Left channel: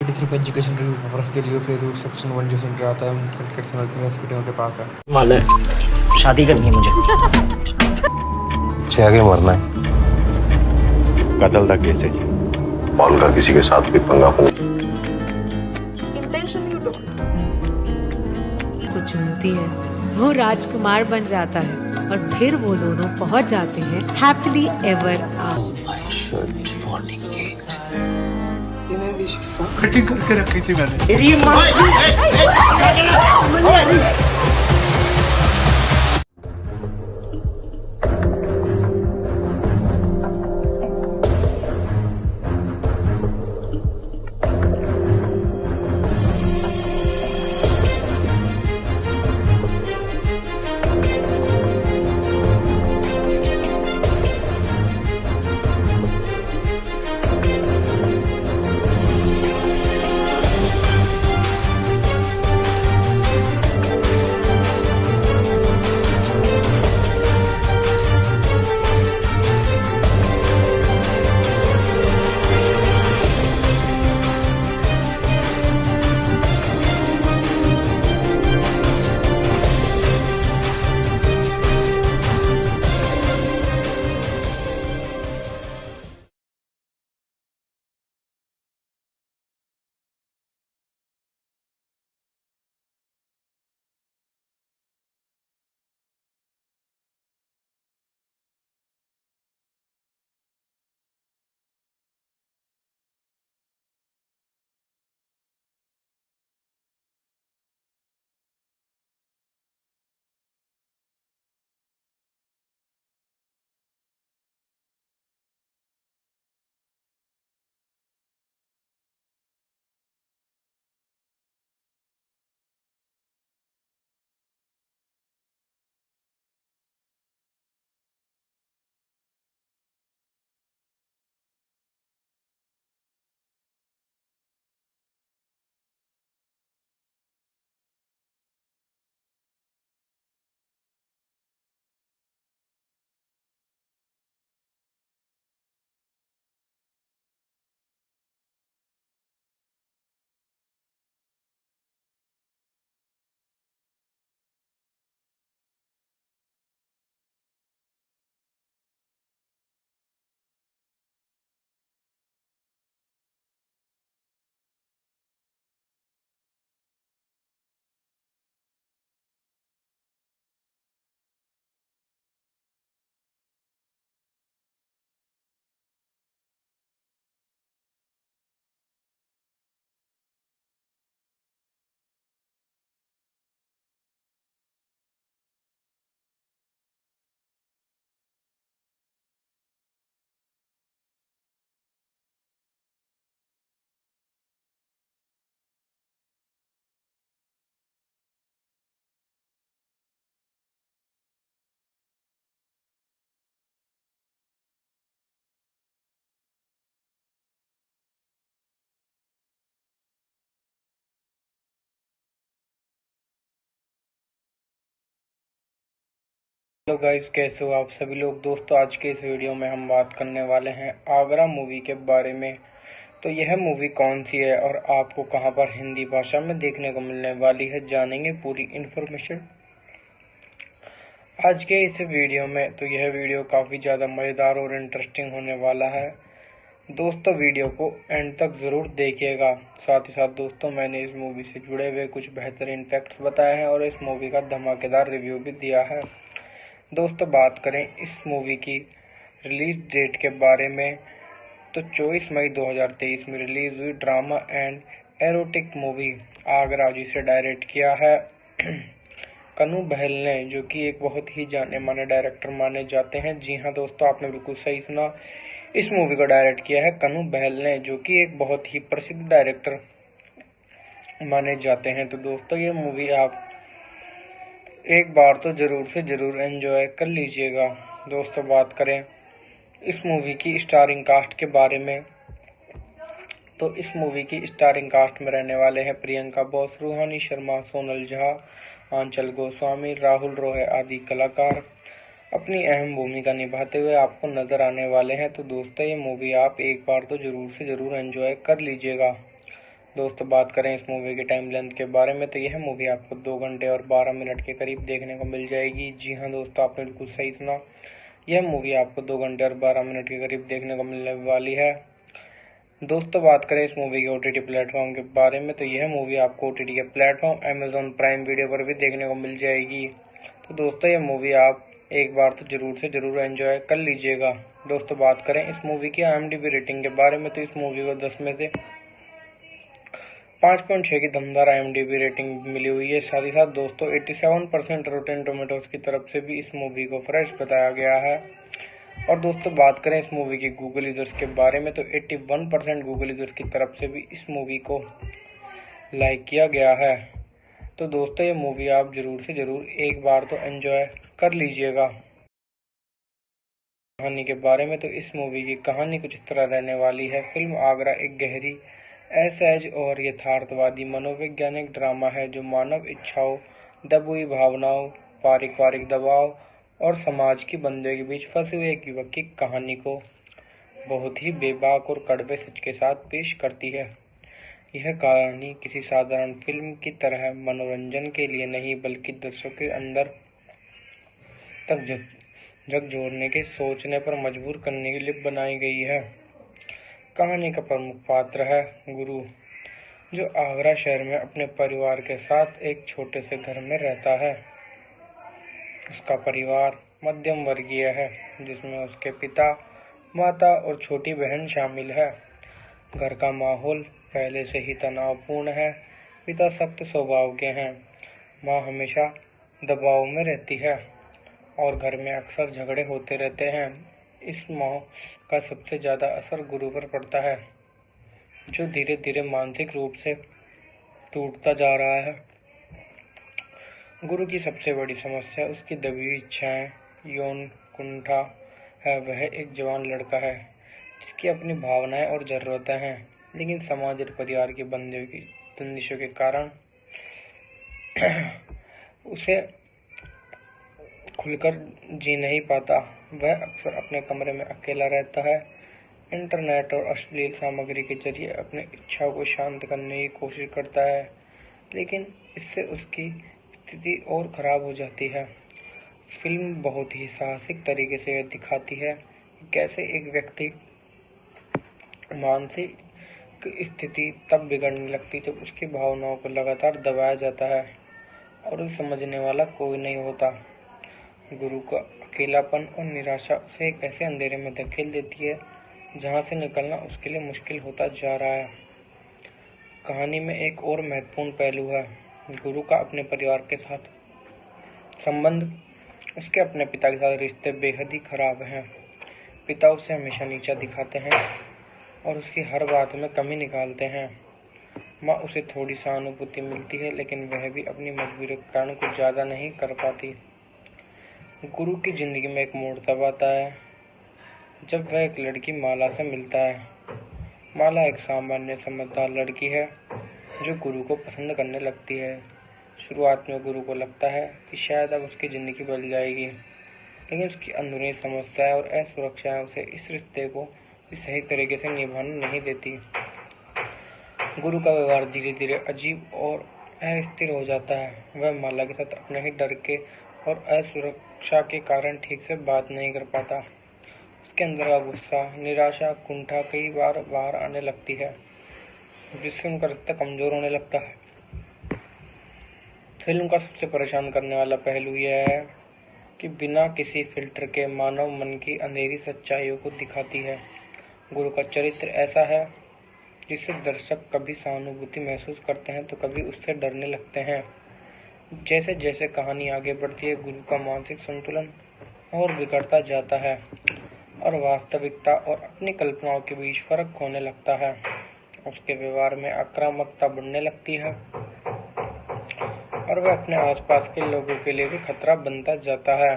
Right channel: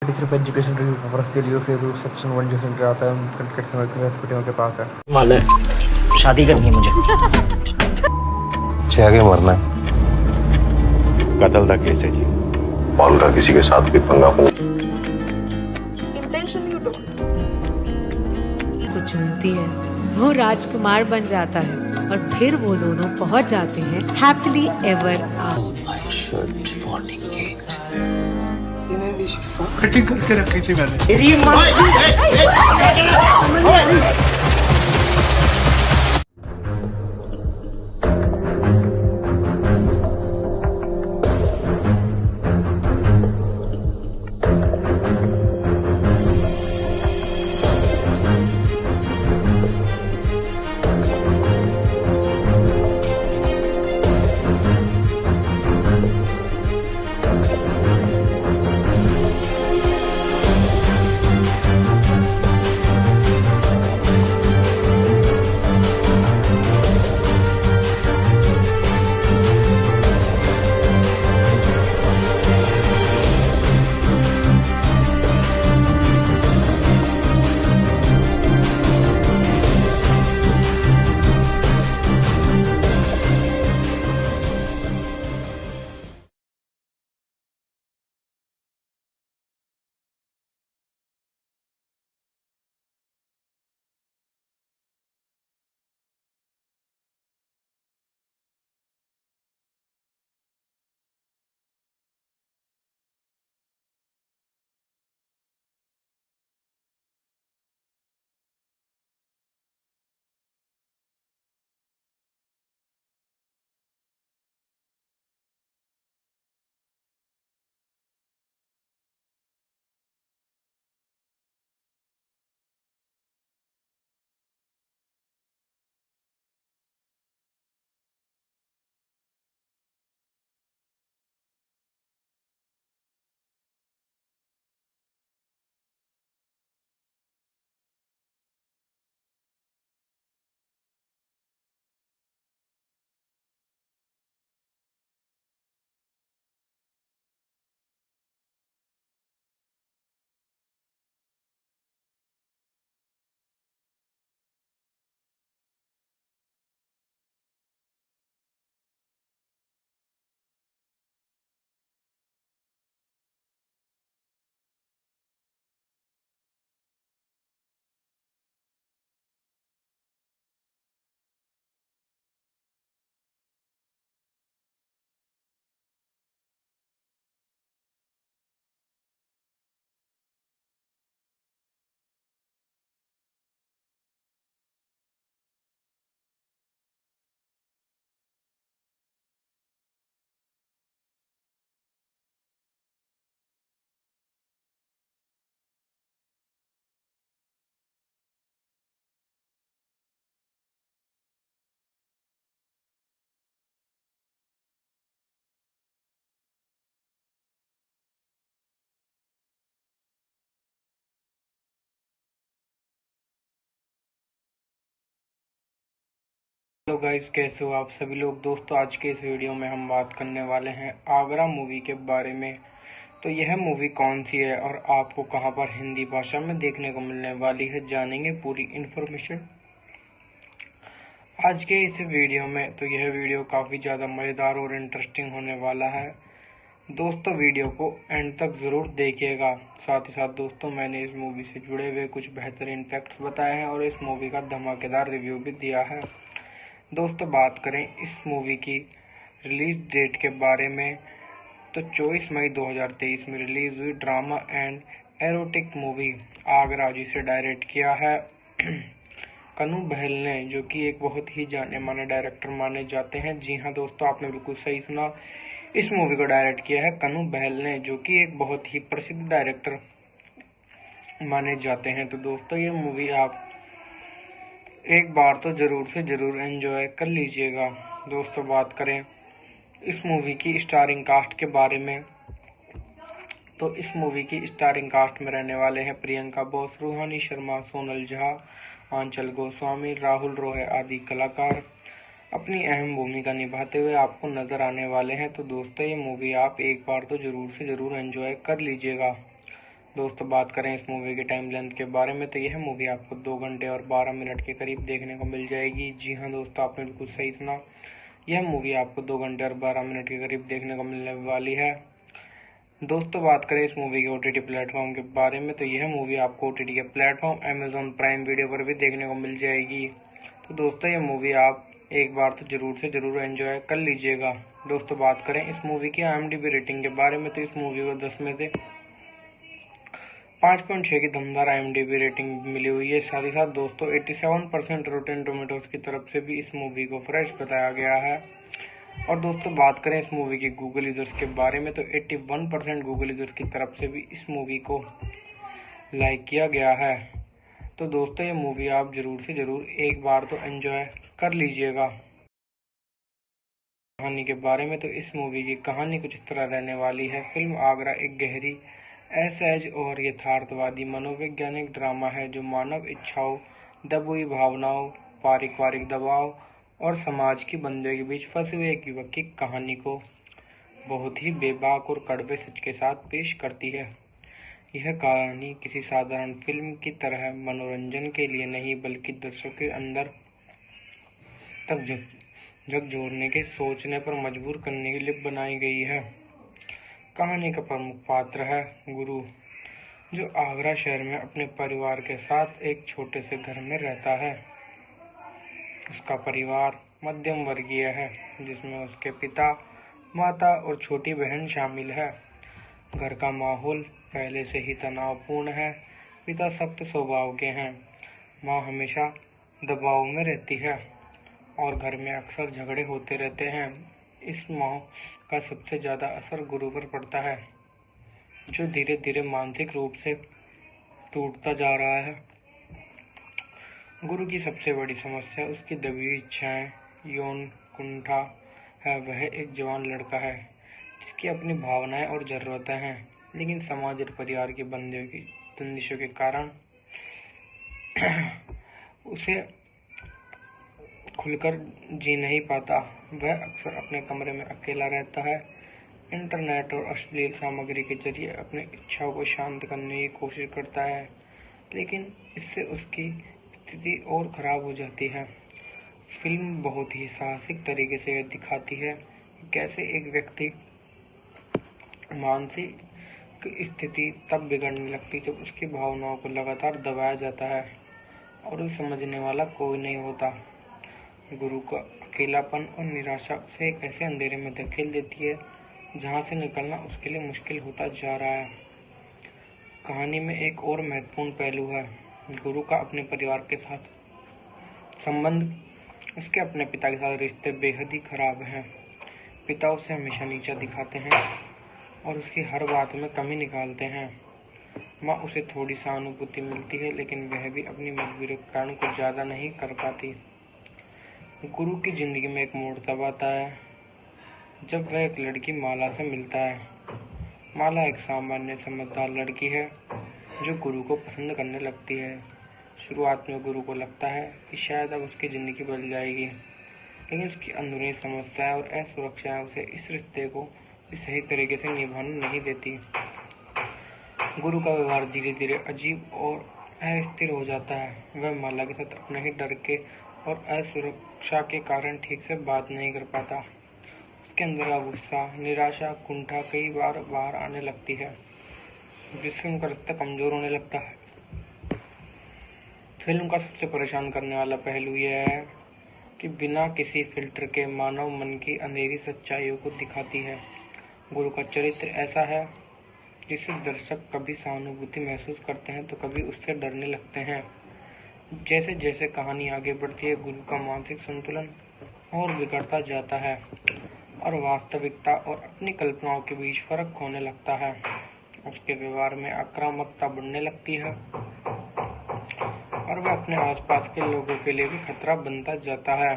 सिर्फ education review purpose के लिए फिर सेक्शन 1 जो सेंटर आता है उन कंटेंट से हॉस्पिटल के पास है। मालूम है, शादी करनी है मुझे। आगे मरना है। कत्ल का केस है जी। पॉल का किसी के साथ भी पंगा इंटेंशन यू डोंट। को चुनती है, वो राजकुमार बन जाता है और फिर वो दोनों पहुंच जाते हैं हैप्पीली एवर आफ्टर। कटिंग करके रखी थी मैंने। हेलो गाइस, कैसे हो आप सभी लोग। दोस्तों, आज के इस वीडियो में हम बात करने वाले हैं आगरा मूवी के बारे में। तो यह मूवी कौन सी है और आपको कहां पर हिंदी भाषा में देखने को मिलने वाली है, जानेंगे पूरी इन्फॉर्मेशन आज के इस वीडियो में। तो यह वीडियो काफ़ी ज़्यादा मज़ेदार और इंटरेस्टिंग होने वाला है। दोस्तों, वीडियो को एंड तक ज़रूर देखिएगा। साथ ही साथ दोस्तों, मैंने इस मूवी से जुड़े हुए कुछ बेहतरीन फैक्ट्स बताए हैं और इस मूवी का धमाकेदार रिव्यू भी दिया है। दोस्तों, बात करें इस मूवी की रिलीज डेट के बारे में, तो 24 मई 2023 में रिलीज हुई drama and erotic movie Agra, जिसे डायरेक्ट किया है कनु बहल ने, जो कि एक बहुत ही जाने माने डायरेक्टर माने जाते हैं। जी हाँ दोस्तों, आपने बिल्कुल सही सुना, इस मूवी को डायरेक्ट किया है कनु बहल ने, जो कि एक बहुत ही प्रसिद्ध डायरेक्टर माने जाते हैं। तो दोस्तों, ये मूवी आप एक बार तो जरूर से जरूर एंजॉय कर लीजिएगा। दोस्तों, बात करें इस मूवी की स्टारिंग कास्ट के बारे में, तो इस मूवी की स्टारिंग कास्ट में रहने वाले हैं प्रियंका बोस, रूहानी शर्मा, सोनल झा, आंचल गोस्वामी, राहुल रोहे आदि कलाकार अपनी अहम भूमिका निभाते हुए आपको नजर आने वाले हैं। तो दोस्तों, ये मूवी आप एक बार तो जरूर से जरूर एंजॉय कर लीजिएगा। दोस्तों बात करें इस मूवी के टाइम लेंथ के बारे में तो यह मूवी आपको 2 घंटे और 12 मिनट के करीब देखने को मिल जाएगी। जी हाँ दोस्तों, आपने बिल्कुल सही सुना, यह मूवी आपको 2 घंटे और 12 मिनट के करीब देखने को मिलने वाली है। दोस्तों बात करें इस मूवी के OTT प्लेटफॉर्म के बारे में तो यह मूवी आपको OTT के प्लेटफॉर्म Amazon प्राइम वीडियो पर भी देखने को मिल जाएगी। तो दोस्तों यह मूवी आप एक बार तो जरूर से जरूर एंजॉय कर लीजिएगा। दोस्तों बात करें इस मूवी की IMDb रेटिंग के बारे में तो इस मूवी को 10 में से 5.6 की दमदार IMDb रेटिंग मिली हुई है। साथ ही साथ दोस्तों 87% रोटेन टोमेटोज की तरफ से भी इस मूवी को फ्रेश बताया गया है। और दोस्तों बात करें इस मूवी की गूगल यूजर्स के बारे में तो 81% गूगल यूजर्स की तरफ से भी इस मूवी को लाइक किया गया है। तो दोस्तों ये मूवी आप जरूर से जरूर एक बार तो एंजॉय कर लीजिएगा। कहानी के बारे में तो इस मूवी की कहानी कुछ इस तरह रहने वाली है। फिल्म आगरा एक गहरी, असहज और यथार्थवादी मनोवैज्ञानिक ड्रामा है जो मानव इच्छाओं, दबी भावनाओं, पारिवारिक दबाव और समाज की बंदियों के बीच फंसे हुए एक युवक की कहानी को बहुत ही बेबाक और कड़वे सच के साथ पेश करती है। यह कहानी किसी साधारण फिल्म की तरह मनोरंजन के लिए नहीं बल्कि दर्शकों के अंदर तक झकझोरने के सोचने पर मजबूर करने के लिए बनाई गई है। कहानी का प्रमुख पात्र है गुरु, जो आगरा शहर में अपने परिवार के साथ एक छोटे से घर में रहता है। उसका परिवार मध्यम वर्गीय है जिसमें उसके पिता, माता और छोटी बहन शामिल है। घर का माहौल पहले से ही तनावपूर्ण है। पिता सख्त स्वभाव के हैं, माँ हमेशा दबाव में रहती है और घर में अक्सर झगड़े होते रहते हैं। इस माहौल का सबसे ज़्यादा असर गुरु पर पड़ता है, जो धीरे धीरे मानसिक रूप से टूटता जा रहा है। गुरु की सबसे बड़ी समस्या उसकी दबी हुई इच्छाएं, यौन कुंठा है। वह एक जवान लड़का है जिसकी अपनी भावनाएं और ज़रूरतें हैं, लेकिन समाज और परिवार की बंदियों की बंदिशों के कारण उसे खुलकर जी नहीं पाता। वह अक्सर अपने कमरे में अकेला रहता है, इंटरनेट और अश्लील सामग्री के जरिए अपनी इच्छाओं को शांत करने की कोशिश करता है, लेकिन इससे उसकी स्थिति और खराब हो जाती है। फिल्म बहुत ही साहसिक तरीके से दिखाती है कि कैसे एक व्यक्ति मानसिक स्थिति तब बिगड़ने लगती जब उसकी भावनाओं को लगातार दबाया जाता है और उसे समझने वाला कोई नहीं होता। गुरु का अकेलापन और निराशा उसे एक ऐसे अंधेरे में धकेल देती है जहां से निकलना उसके लिए मुश्किल होता जा रहा है। कहानी में एक और महत्वपूर्ण पहलू है गुरु का अपने परिवार के साथ संबंध। उसके अपने पिता के साथ रिश्ते बेहद ही खराब हैं। पिता उसे हमेशा नीचा दिखाते हैं और उसकी हर बात में कमी निकालते हैं। माँ उसे थोड़ी सहानुभूति मिलती है, लेकिन वह भी अपनी मजबूरी के कारण कुछ ज़्यादा नहीं कर पाती। गुरु की जिंदगी में एक मोड़ तब आता है जब वह एक लड़की माला से मिलता है। माला एक सामान्य समझदार लड़की है जो गुरु को पसंद करने लगती है। शुरुआत में गुरु को लगता है कि शायद अब उसकी ज़िंदगी बदल जाएगी, लेकिन उसकी अंदरूनी समस्याएं और असुरक्षाएं उसे इस रिश्ते को भी सही तरीके से निभाने नहीं देती। गुरु का व्यवहार धीरे धीरे अजीब और अस्थिर हो जाता है। वह माला के साथ अपने ही डर के और असुरक्षा के कारण ठीक से बात नहीं कर पाता। उसके अंदर का गुस्सा, निराशा, कुंठा कई बार बाहर आने लगती है, जिससे उनका रिश्ता कमजोर होने लगता है। फिल्म का सबसे परेशान करने वाला पहलू यह है कि बिना किसी फिल्टर के मानव मन की अंधेरी सच्चाइयों को दिखाती है। गुरु का चरित्र ऐसा है जिससे दर्शक कभी सहानुभूति महसूस करते हैं तो कभी उससे डरने लगते हैं। जैसे जैसे कहानी आगे बढ़ती है, गुरु का मानसिक संतुलन और बिगड़ता जाता है और वास्तविकता और अपनी कल्पनाओं के बीच फर्क होने लगता है। उसके व्यवहार में आक्रामकता बढ़ने लगती है और वह अपने आसपास के लोगों के लिए भी खतरा बनता जाता है।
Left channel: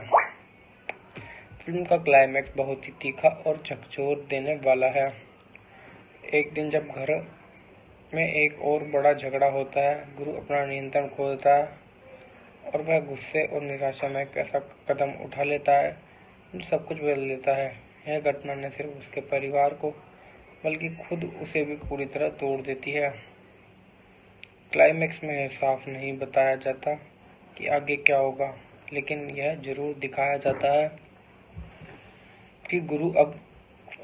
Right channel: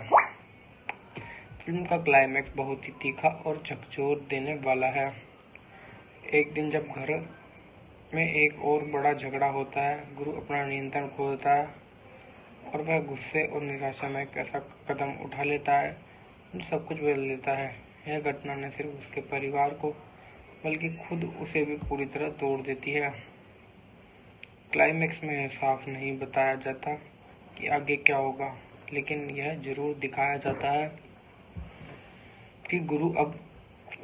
फिल्म का क्लाइमैक्स बहुत ही तीखा और झकझोर देने वाला है। एक दिन जब घर में एक और बड़ा झगड़ा होता है, गुरु अपना नियंत्रण खो देता है और वह गुस्से और निराशा में एक ऐसा कदम उठा लेता है जो सब कुछ बदल देता है। यह घटना न सिर्फ उसके परिवार को बल्कि खुद उसे भी पूरी तरह तोड़ देती है। क्लाइमेक्स में यह साफ नहीं बताया जाता कि आगे क्या होगा, लेकिन यह जरूर दिखाया जाता है कि गुरु अब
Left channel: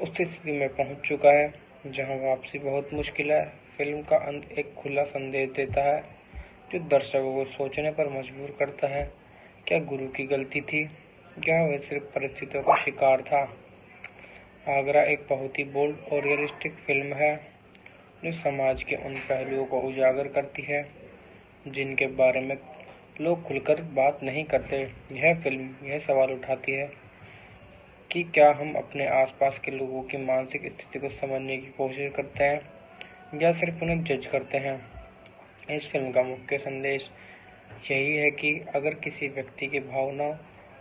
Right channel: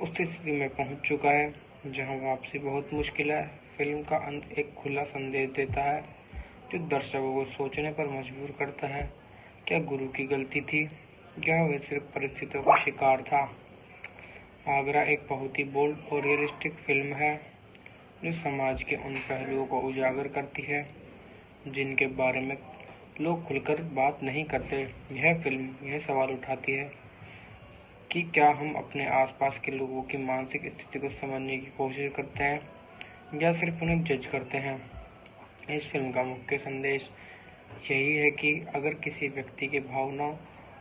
उस स्थिति में पहुंच चुका है जहां वापसी बहुत मुश्किल है। फिल्म का अंत एक खुला संदेश देता है जो दर्शकों को सोचने पर मजबूर करता है। क्या गुरु की गलती थी या वह सिर्फ परिस्थितियों का शिकार था? आगरा एक बहुत ही बोल्ड और रियलिस्टिक फिल्म है जो समाज के उन पहलुओं को उजागर करती है जिनके बारे में लोग खुलकर बात नहीं करते। यह फिल्म यह सवाल उठाती है कि क्या हम अपने आसपास के लोगों की मानसिक स्थिति को समझने की कोशिश करते हैं या सिर्फ उन्हें जज करते हैं। इस फिल्म का मुख्य संदेश यही है कि अगर किसी व्यक्ति की भावनाओं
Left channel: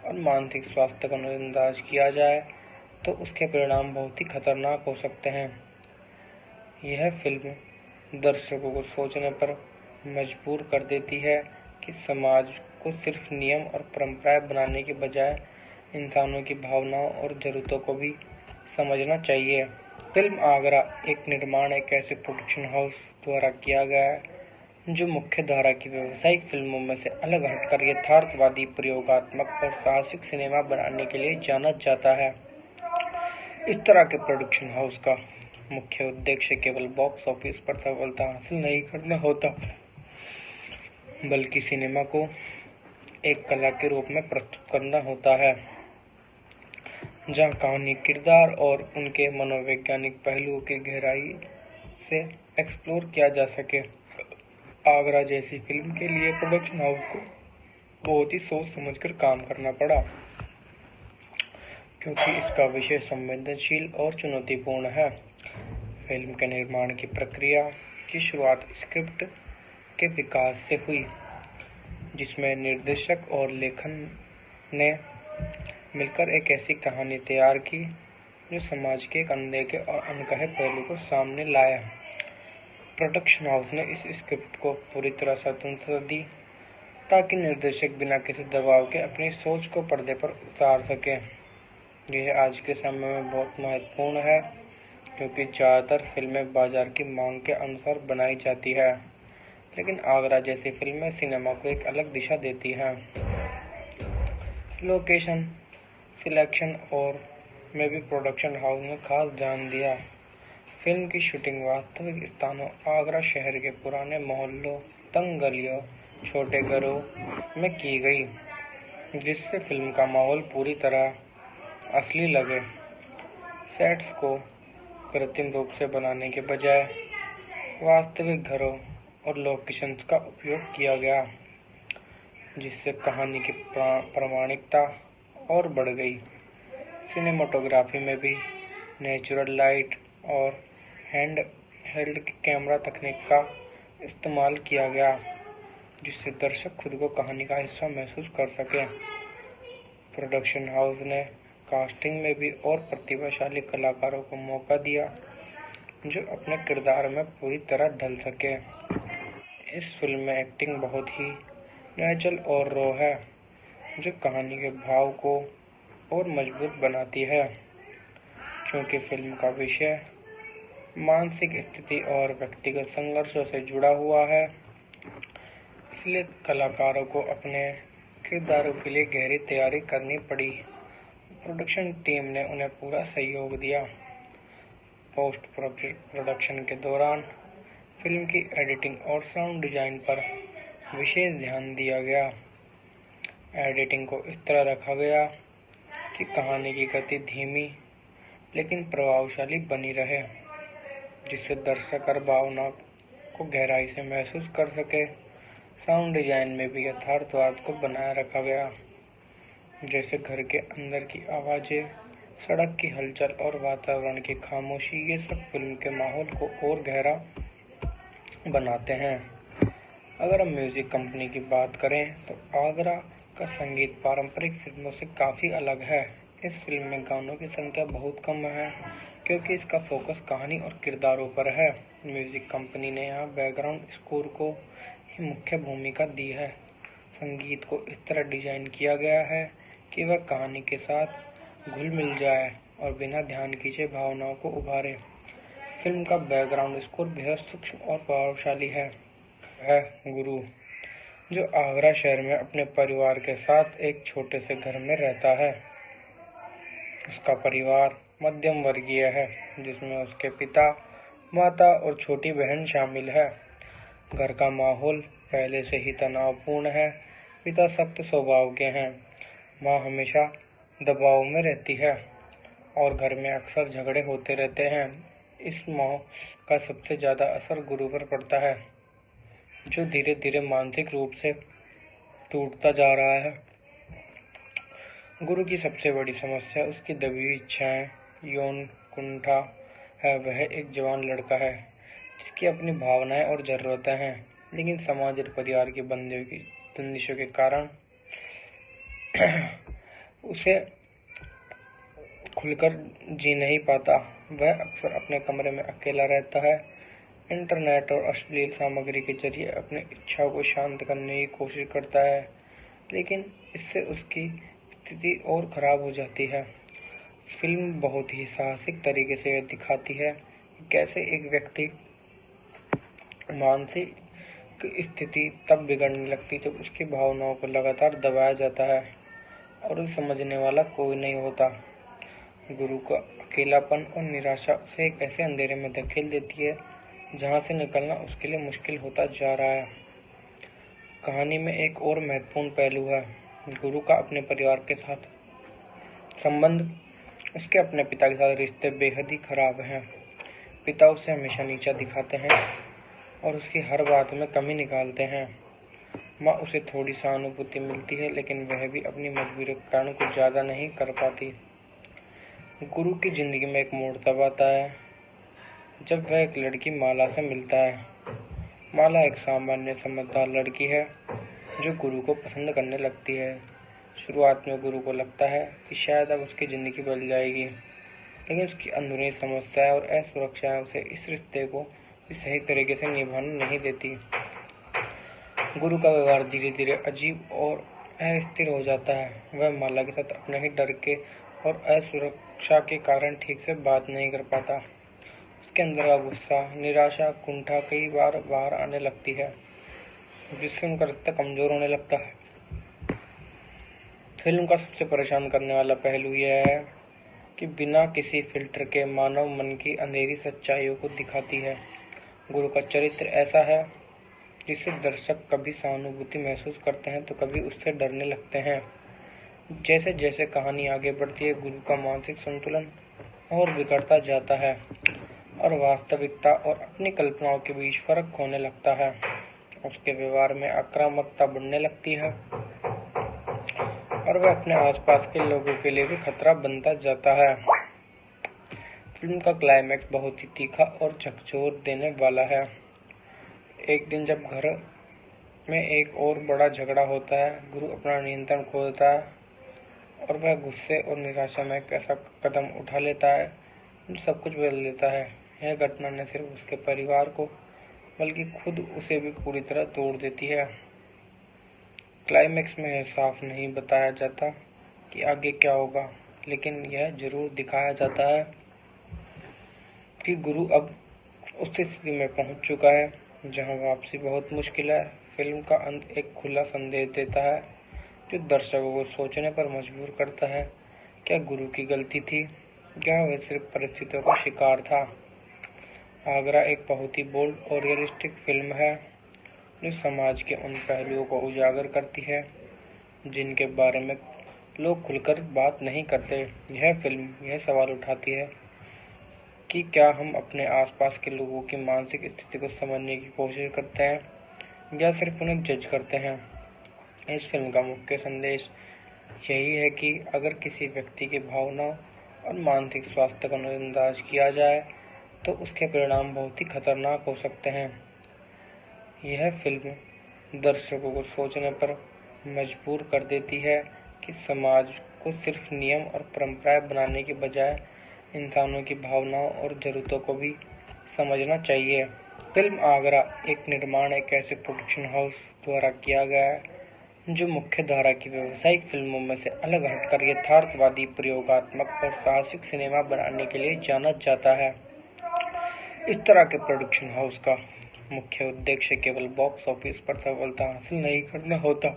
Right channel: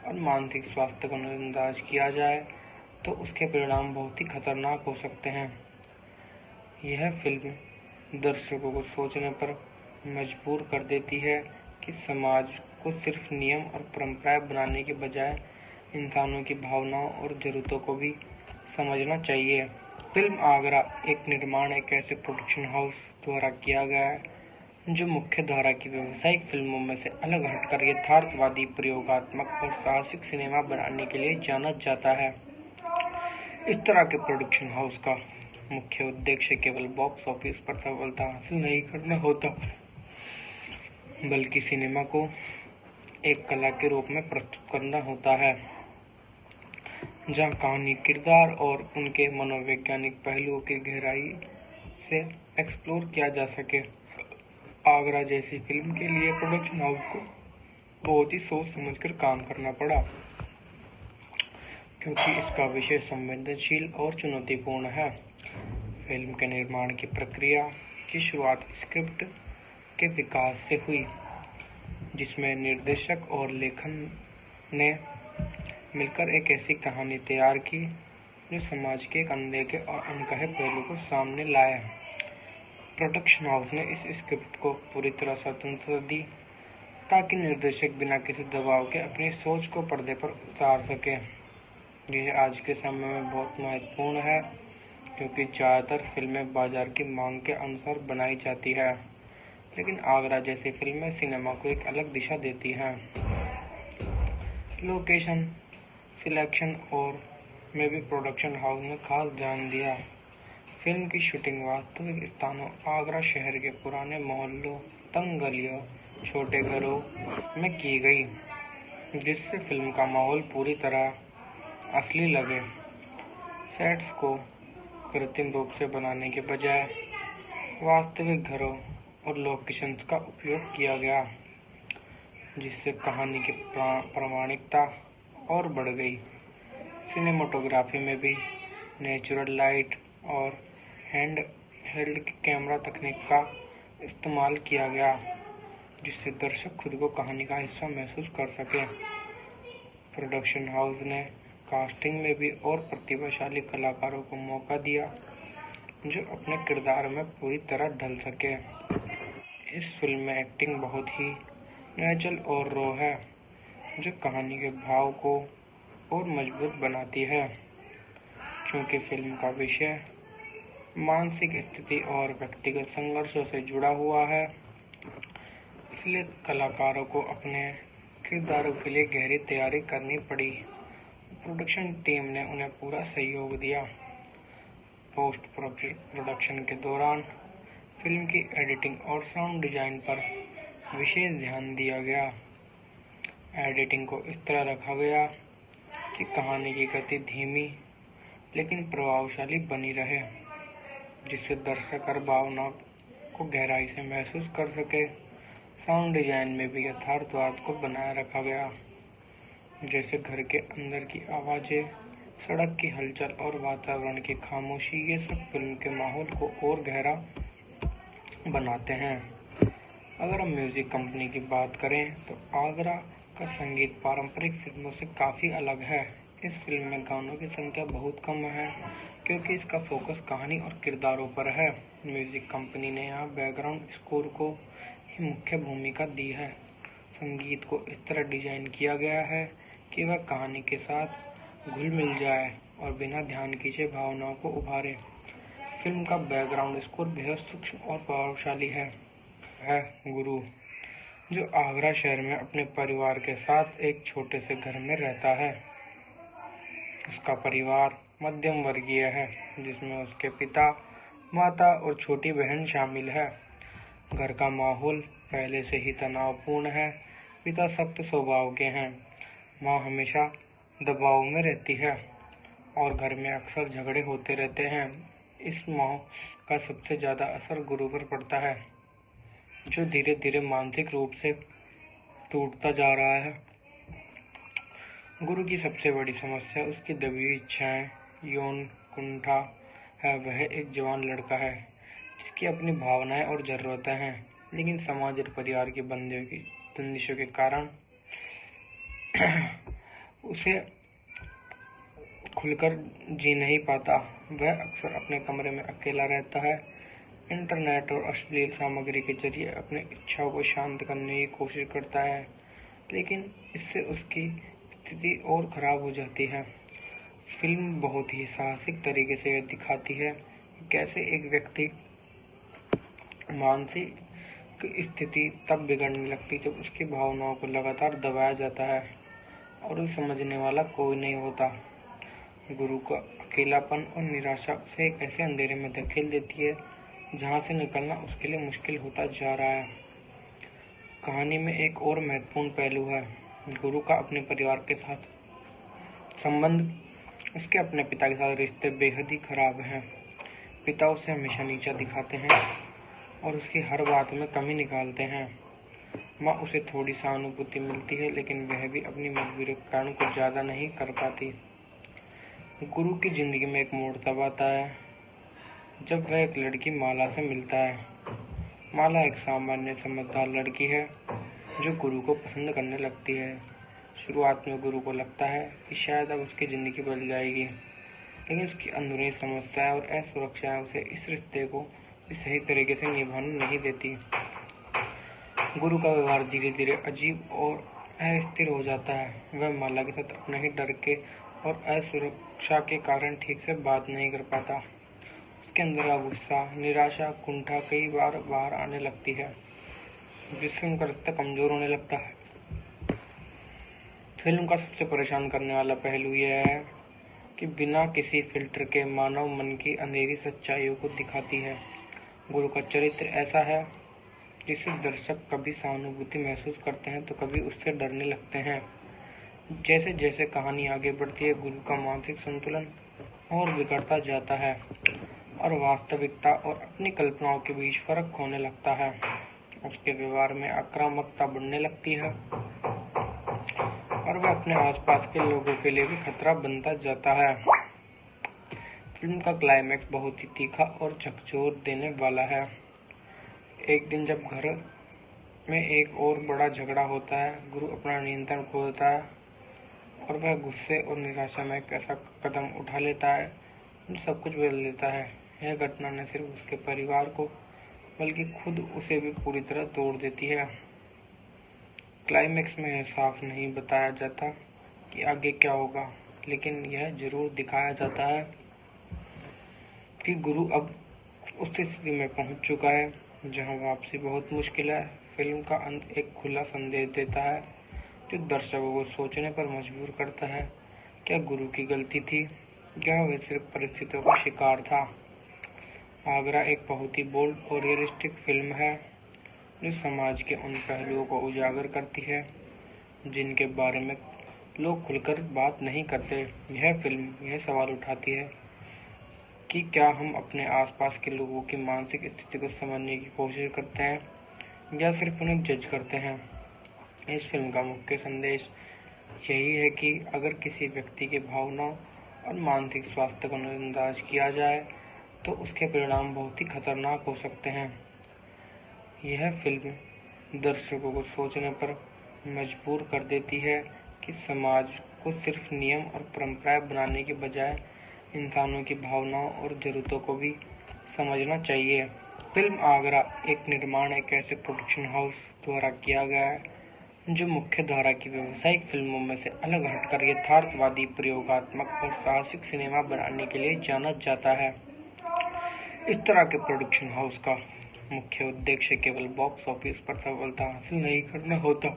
और मानसिक स्वास्थ्य को नजरअंदाज किया जाए तो उसके परिणाम बहुत ही खतरनाक हो सकते हैं। यह फिल्म दर्शकों को सोचने पर मजबूर कर देती है कि समाज को सिर्फ नियम और परंपराएं बनाने के बजाय इंसानों की भावनाओं और जरूरतों को भी समझना चाहिए। फिल्म आगरा एक निर्माण एक ऐसे प्रोडक्शन हाउस द्वारा किया गया है जो मुख्य धारा की व्यावसायिक फिल्मों में से अलग हटकर यथार्थवादी, प्रयोगात्मक और साहसिक सिनेमा बनाने के लिए जाना जाता है। इस तरह के प्रोडक्शन हाउस का मुख्य उद्देश्य केवल बॉक्स ऑफिस पर सफलता हासिल नहीं करना होता, बल्कि सिनेमा को एक कला के रूप में प्रस्तुत करना होता है जहां कहानी, किरदार और उनके मनोवैज्ञानिक पहलुओं की गहराई से एक्सप्लोर किया जा सके। आगरा जैसी फिल्म के लिए प्रोडक्शन हाउस को बहुत ही सोच समझकर काम करना पड़ा क्योंकि इसका विषय संवेदनशील और चुनौतीपूर्ण है। फिल्म के निर्माण की प्रक्रिया की शुरुआत स्क्रिप्ट के विकास से हुई, जिसमें निर्देशक और लेखन ने मिलकर एक ऐसी कहानी तैयार की जो समाज के एक अनदेखे और अनकहे पहलू को सामने लाया। प्रोडक्शन हाउस ने इस स्क्रिप्ट को पूरी तरह स्वतंत्रता दी ताकि निर्देशक बिना किसी दबाव के अपनी सोच को पर्दे पर उतार सके। यह आज के समय में बहुत महत्वपूर्ण है क्योंकि ज़्यादातर फिल्में बाजार की मांग के अनुसार बनाई जाती है, लेकिन आगरा जैसी फिल्में सिनेमा को एक अलग दिशा देती हैं। लोकेशन सिलेक्शन और में भी प्रोडक्शन हाउस ने खास ध्यान दिया। फिल्म की शूटिंग वास्तविक स्थानों आगरा शहर के पुराने मोहल्लों, तंग गलियों, छोटे घरों में की गई, जिससे फिल्म का माहौल पूरी तरह असली लगे। सेट्स को कृत्रिम रूप से बनाने के बजाय वास्तविक घरों और लोकेशंस का उपयोग किया गया, जिससे कहानी की प्रामाणिकता और बढ़ गई। सिनेमाटोग्राफी में भी नेचुरल लाइट और हैंड हेल्ड कैमरा तकनीक का इस्तेमाल किया गया, जिससे दर्शक खुद को कहानी का हिस्सा महसूस कर सके। प्रोडक्शन हाउस ने कास्टिंग में भी और प्रतिभाशाली कलाकारों को मौका दिया जो अपने किरदार में पूरी तरह ढल सके। इस फिल्म में एक्टिंग बहुत ही नेचुरल और रॉ है, जो कहानी के भाव को और मजबूत बनाती है। चूँकि फिल्म का विषय मानसिक स्थिति और व्यक्तिगत संघर्षों से जुड़ा हुआ है, इसलिए कलाकारों को अपने किरदारों के लिए गहरी तैयारी करनी पड़ी। प्रोडक्शन टीम ने उन्हें पूरा सहयोग दिया। पोस्ट प्रोडक्शन के दौरान फिल्म की एडिटिंग और साउंड डिजाइन पर विशेष ध्यान दिया गया। एडिटिंग को इस तरह रखा गया कि कहानी की गति धीमी लेकिन प्रभावशाली बनी रहे, जिससे दर्शक हर भावना को गहराई से महसूस कर सके। साउंड डिजाइन में भी यथार्थवाद को बनाए रखा गया, जैसे घर के अंदर की आवाज़ें, सड़क की हलचल और वातावरण की खामोशी। ये सब फिल्म के माहौल को और गहरा बनाते हैं। अगर हम म्यूज़िक कंपनी की बात करें तो आगरा का संगीत पारंपरिक फिल्मों से काफ़ी अलग है। इस फिल्म में गानों की संख्या बहुत कम है क्योंकि इसका फोकस कहानी और किरदारों पर है। म्यूज़िक कंपनी ने यहाँ बैकग्राउंड स्कोर को ही मुख्य भूमिका दी है। संगीत को इस तरह डिजाइन किया गया है कि वह कहानी के साथ घुल मिल जाए और बिना ध्यान खींचे भावनाओं को उभारे। फिल्म का बैकग्राउंड स्कोर बेहद सूक्ष्म और प्रभावशाली है। है गुरु, जो आगरा शहर में अपने परिवार के साथ एक छोटे से घर में रहता है। उसका परिवार मध्यम वर्गीय है, जिसमें उसके पिता, माता और छोटी बहन शामिल है। घर का माहौल पहले से ही तनावपूर्ण है। पिता सख्त स्वभाव के हैं, माँ हमेशा दबाव में रहती है और घर में अक्सर झगड़े होते रहते हैं। इस माहौल का सबसे ज़्यादा असर गुरु पर पड़ता है, जो धीरे धीरे मानसिक रूप से टूटता जा रहा है। गुरु की सबसे बड़ी समस्या उसकी दबी हुई इच्छाएं, यौन कुंठा है। वह एक जवान लड़का है जिसकी अपनी भावनाएं और ज़रूरतें हैं, लेकिन समाज और परिवार के बंदिशों के कारण उसे खुलकर जी नहीं पाता। वह अक्सर अपने कमरे में अकेला रहता है, इंटरनेट और अश्लील सामग्री के जरिए अपनी इच्छाओं को शांत करने की कोशिश करता है, लेकिन इससे उसकी स्थिति और खराब हो जाती है। फिल्म बहुत ही साहसिक तरीके से यह दिखाती है कि कैसे एक व्यक्ति मानसिक स्थिति तब बिगड़ने लगती जब उसकी भावनाओं को लगातार दबाया जाता है और उसे समझने वाला कोई नहीं होता। गुरु का अकेलापन और निराशा उसे एक ऐसे अंधेरे में धकेल देती है जहां से निकलना उसके लिए मुश्किल होता जा रहा है। कहानी में एक और महत्वपूर्ण पहलू है गुरु का अपने परिवार के साथ संबंध। उसके अपने पिता के साथ रिश्ते बेहद ही खराब हैं। पिता उसे हमेशा नीचा दिखाते हैं और उसकी हर बात में कमी निकालते हैं। माँ उसे थोड़ी सहानुभूति मिलती है, लेकिन वह भी अपनी मजबूरी के कारण कुछ ज़्यादा नहीं कर पाती। गुरु की जिंदगी में एक मोड़ तब आता है जब वह एक लड़की माला से मिलता है। माला एक सामान्य समझदार लड़की है जो गुरु को पसंद करने लगती है। शुरुआत में गुरु को लगता है कि शायद अब उसकी ज़िंदगी बदल जाएगी, लेकिन उसकी अंदरूनी समस्याएं और असुरक्षाएं उसे इस रिश्ते को भी सही तरीके से निभाने नहीं देती। गुरु का व्यवहार धीरे धीरे अजीब और अस्थिर हो जाता है। वह माला के साथ अपने ही डर के और असुरक्षा के कारण ठीक से बात नहीं कर पाता। उसके अंदर का गुस्सा, निराशा, कुंठा कई बार बाहर आने लगती है, जिससे उनका रिश्ता कमजोर होने लगता है। फिल्म का सबसे परेशान करने वाला पहलू यह है कि बिना किसी फिल्टर के मानव मन की अंधेरी सच्चाइयों को दिखाती है। गुरु का चरित्र ऐसा है जिससे दर्शक कभी सहानुभूति महसूस करते हैं तो कभी उससे डरने लगते हैं। जैसे जैसे कहानी आगे बढ़ती है, गुरु का मानसिक संतुलन और बिगड़ता जाता है और वास्तविकता और अपनी कल्पनाओं के बीच फर्क होने लगता है। उसके व्यवहार में आक्रामकता बढ़ने लगती है और वह अपने आसपास के लोगों के लिए भी खतरा बनता जाता है। फिल्म का क्लाइमैक्स बहुत ही तीखा और झकझोर देने वाला है। एक दिन जब घर में एक और बड़ा झगड़ा होता है, गुरु अपना नियंत्रण खो देता है और वह गुस्से और निराशा में एक ऐसा कदम उठा लेता है जो सब कुछ बदल देता है। यह घटना न सिर्फ उसके परिवार को बल्कि खुद उसे भी पूरी तरह तोड़ देती है। क्लाइमैक्स में यह साफ नहीं बताया जाता कि आगे क्या होगा, लेकिन यह जरूर दिखाया जाता है कि गुरु अब उस स्थिति में पहुंच चुका है जहां वापसी बहुत मुश्किल है। फिल्म का अंत एक खुला संदेश देता है जो दर्शकों को सोचने पर मजबूर करता है। क्या गुरु की गलती थी या वह सिर्फ परिस्थितियों का शिकार था? आगरा एक बहुत ही बोल्ड और रियलिस्टिक फिल्म है जो समाज के उन पहलुओं को उजागर करती है जिनके बारे में लोग खुलकर बात नहीं करते। यह फिल्म यह सवाल उठाती है कि क्या हम अपने आसपास के लोगों की मानसिक स्थिति को समझने की कोशिश करते हैं या सिर्फ उन्हें जज करते हैं। इस फिल्म का मुख्य संदेश यही है कि अगर किसी व्यक्ति की भावनाओं और मानसिक स्वास्थ्य को नजरअंदाज किया जाए तो उसके परिणाम बहुत ही खतरनाक हो सकते हैं। यह फिल्म दर्शकों को सोचने पर मजबूर कर देती है कि समाज को सिर्फ नियम और परंपराएं बनाने के बजाय इंसानों की भावनाओं और ज़रूरतों को भी समझना चाहिए। फिल्म आगरा एक निर्माण एक ऐसे प्रोडक्शन हाउस द्वारा किया गया है जो मुख्य धारा की व्यावसायिक फिल्मों में से अलग हटकर यथार्थवादी, प्रयोगात्मक और साहसिक सिनेमा बनाने के लिए जाना जाता है। इस तरह के प्रोडक्शन हाउस का मुख्य उद्देश्य केवल बॉक्स ऑफिस पर सफलता हासिल नहीं करना होता,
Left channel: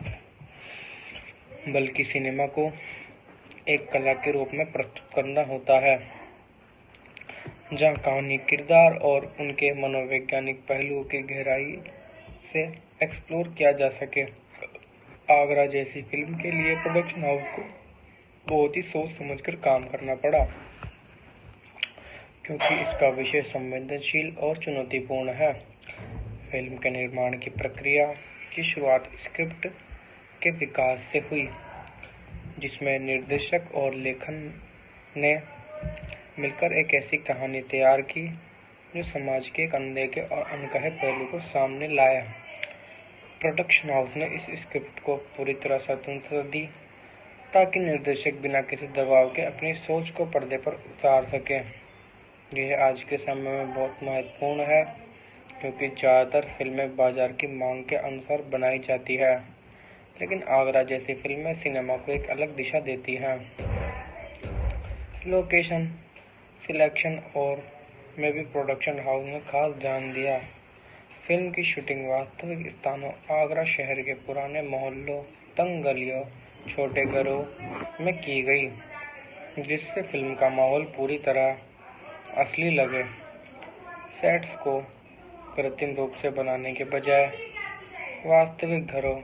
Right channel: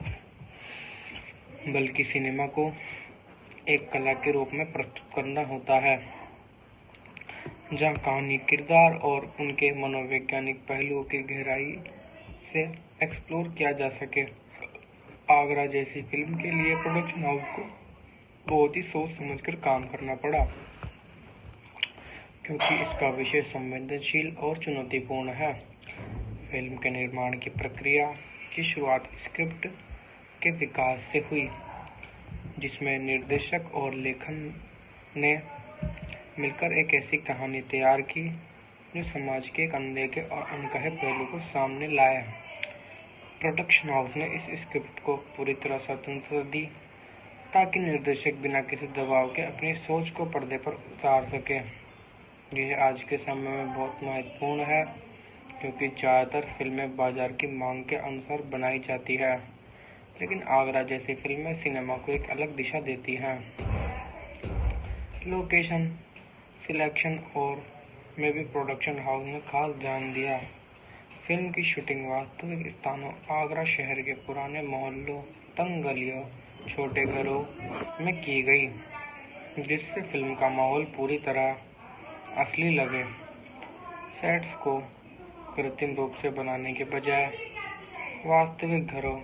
बल्कि सिनेमा को एक कला के रूप में प्रस्तुत करना होता है, जहां कहानी, किरदार और उनके मनोवैज्ञानिक पहलुओं की गहराई से एक्सप्लोर किया जा सके। आगरा जैसी फिल्म के लिए प्रोडक्शन हाउस को बहुत ही सोच समझकर काम करना पड़ा, क्योंकि इसका विषय संवेदनशील और चुनौतीपूर्ण है। फिल्म के निर्माण की प्रक्रिया की शुरुआत स्क्रिप्ट के विकास से हुई, जिसमें निर्देशक और लेखन ने मिलकर एक ऐसी कहानी तैयार की जो समाज के एक अनदेखे और अनकहे पहलू को सामने लाया। प्रोडक्शन हाउस ने इस स्क्रिप्ट को पूरी तरह स्वतंत्रता दी ताकि निर्देशक बिना किसी दबाव के अपनी सोच को पर्दे पर उतार सके। यह आज के समय में बहुत महत्वपूर्ण है, क्योंकि ज़्यादातर फिल्में बाजार की मांग के अनुसार बनाई जाती है, लेकिन आगरा जैसी फिल्में सिनेमा को एक अलग दिशा देती हैं। लोकेशन सिलेक्शन और में भी प्रोडक्शन हाउस ने खास ध्यान दिया। फिल्म की शूटिंग वास्तविक स्थानों आगरा शहर के पुराने मोहल्लों, तंग गलियों, छोटे घरों में की गई, जिससे फिल्म का माहौल पूरी तरह असली लगे। सेट्स को कृत्रिम रूप से बनाने के बजाय वास्तविक घरों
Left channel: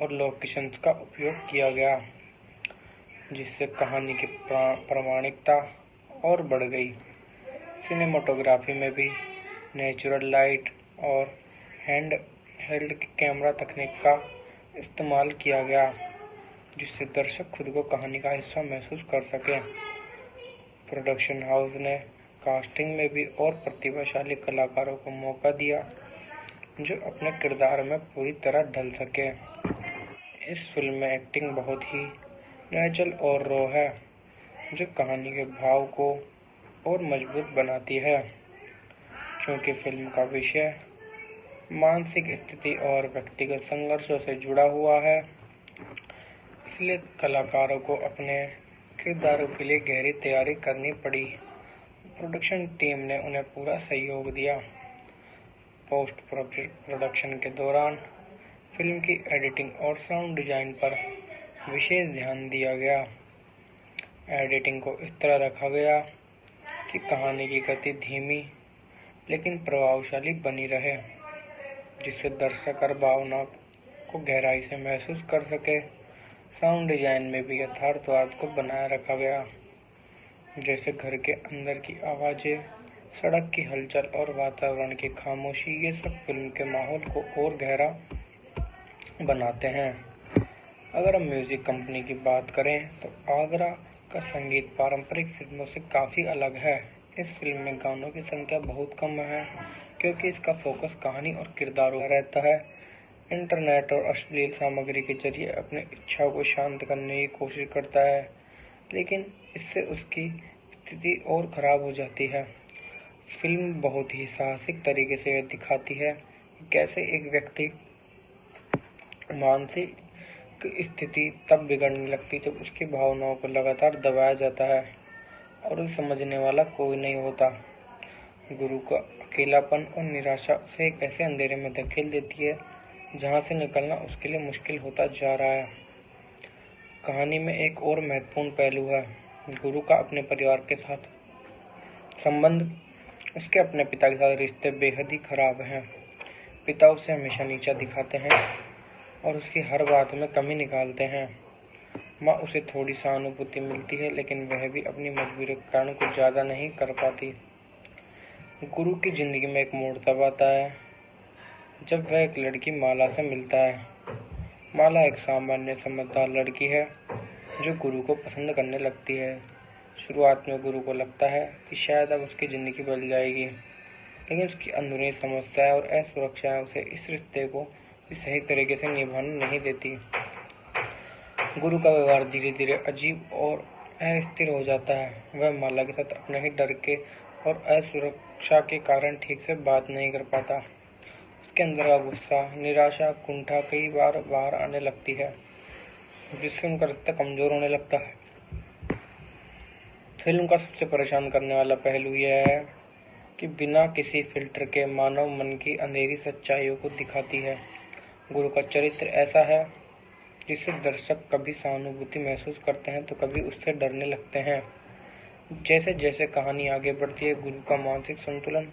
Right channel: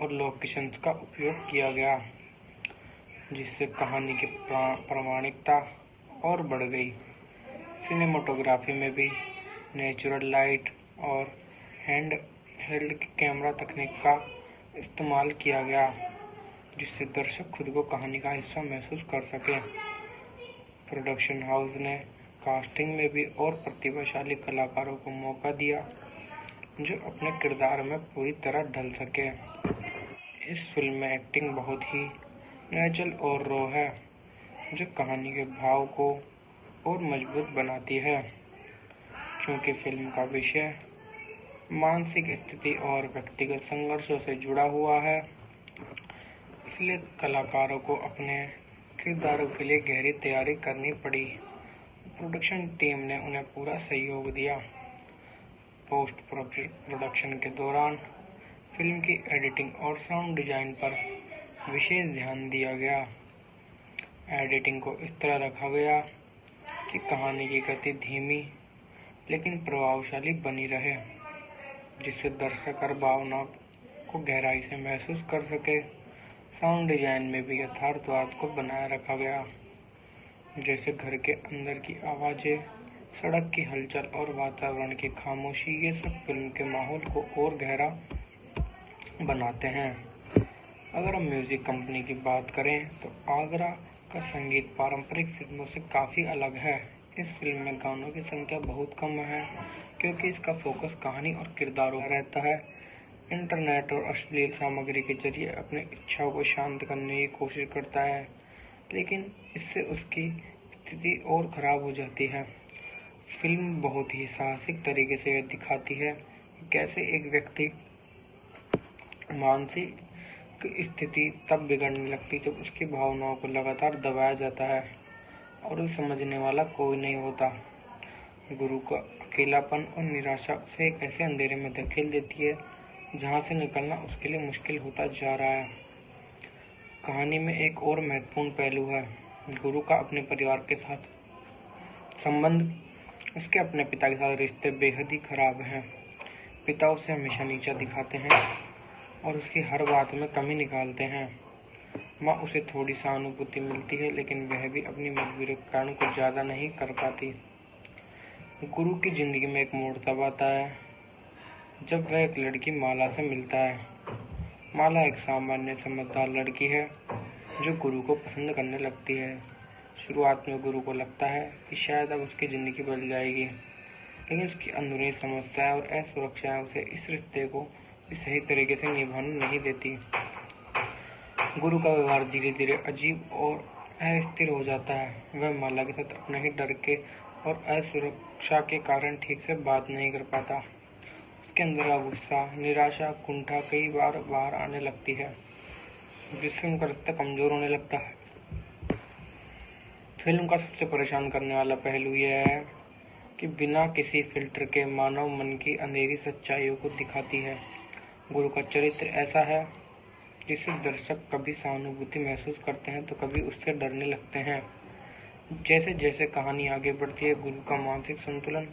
और लोकेशंस का उपयोग किया गया, जिससे कहानी की प्रामाणिकता और बढ़ गई। सिनेमाटोग्राफी में भी नेचुरल लाइट और हैंड हेल्ड कैमरा तकनीक का इस्तेमाल किया गया, जिससे दर्शक खुद को कहानी का हिस्सा महसूस कर सके। प्रोडक्शन हाउस ने कास्टिंग में भी और प्रतिभाशाली कलाकारों को मौका दिया, जो अपने किरदार में पूरी तरह ढल सके। इस फिल्म में एक्टिंग बहुत ही नेचुरल और रॉ है, जो कहानी के भाव को और मजबूत बनाती है। चूँकि फिल्म का विषय मानसिक स्थिति और व्यक्तिगत संघर्षों से जुड़ा हुआ है, इसलिए कलाकारों को अपने किरदारों के लिए गहरी तैयारी करनी पड़ी। प्रोडक्शन टीम ने उन्हें पूरा सहयोग दिया। पोस्ट प्रोडक्शन के दौरान फिल्म की एडिटिंग और साउंड डिजाइन पर विशेष ध्यान दिया गया। एडिटिंग को इस तरह रखा गया कि कहानी की गति धीमी लेकिन प्रभावशाली बनी रहे, जिससे दर्शक हर भावना को गहराई से महसूस कर सके। साउंड डिजाइन में भी यथार्थवाद को बनाए रखा गया, जैसे घर के अंदर की आवाज़ें, सड़क की हलचल और वातावरण की खामोशी। ये सब फिल्म के माहौल को और गहरा बनाते हैं। अगर हम म्यूज़िक कंपनी की बात करें तो आगरा का संगीत पारंपरिक फिल्मों से काफ़ी अलग है। इस फिल्म में गानों की संख्या बहुत कम है, क्योंकि इसका फोकस कहानी और किरदारों पर रहता है। इंटरनेट और अश्लील सामग्री के जरिए अपनी इच्छाओं को शांत करने की कोशिश करता है, लेकिन इससे उसकी स्थिति और खराब हो जाती है। फिल्म बहुत ही साहसिक तरीके से यह दिखाती है कि कैसे एक व्यक्ति मानसिक स्थिति तब बिगड़ने लगती जब उसकी भावनाओं को लगातार दबाया जाता है और उसे समझने वाला कोई नहीं होता। गुरु का अकेलापन और निराशा उसे एक ऐसे अंधेरे में धकेल देती है जहां से निकलना उसके लिए मुश्किल होता जा रहा है। कहानी में एक और महत्वपूर्ण पहलू है गुरु का अपने परिवार के साथ संबंध। उसके अपने पिता के साथ रिश्ते बेहद ही खराब हैं। पिता उसे हमेशा नीचा दिखाते हैं और उसकी हर बात में कमी निकालते हैं। माँ उसे थोड़ी सहानुभूति मिलती है, लेकिन वह भी अपनी मजबूरी के कारण कुछ ज़्यादा नहीं कर पाती। गुरु की ज़िंदगी में एक मोड़ तब आता है जब वह एक लड़की माला से मिलता है। माला एक सामान्य समझदार लड़की है जो गुरु को पसंद करने लगती है। शुरुआत में गुरु को लगता है कि शायद अब उसकी ज़िंदगी बदल जाएगी, लेकिन उसकी अंदरूनी समस्याएं और असुरक्षाएं उसे इस रिश्ते को सही तरीके से निभाने नहीं देती। गुरु का व्यवहार धीरे धीरे अजीब और अस्थिर हो जाता है। वह माला के साथ अपने ही डर के और असुरक्षा के कारण ठीक से बात नहीं कर पाता। उसके अंदर का गुस्सा, निराशा, कुंठा कई बार बाहर आने लगती है, जिससे उनका रिश्ता कमजोर होने लगता है। फिल्म का सबसे परेशान करने वाला पहलू यह है कि बिना किसी फिल्टर के मानव मन की अंधेरी सच्चाइयों को दिखाती है। गुरु का चरित्र ऐसा है जिससे दर्शक कभी सहानुभूति महसूस करते हैं तो कभी उससे डरने लगते हैं। जैसे जैसे कहानी आगे बढ़ती है, गुरु का मानसिक संतुलन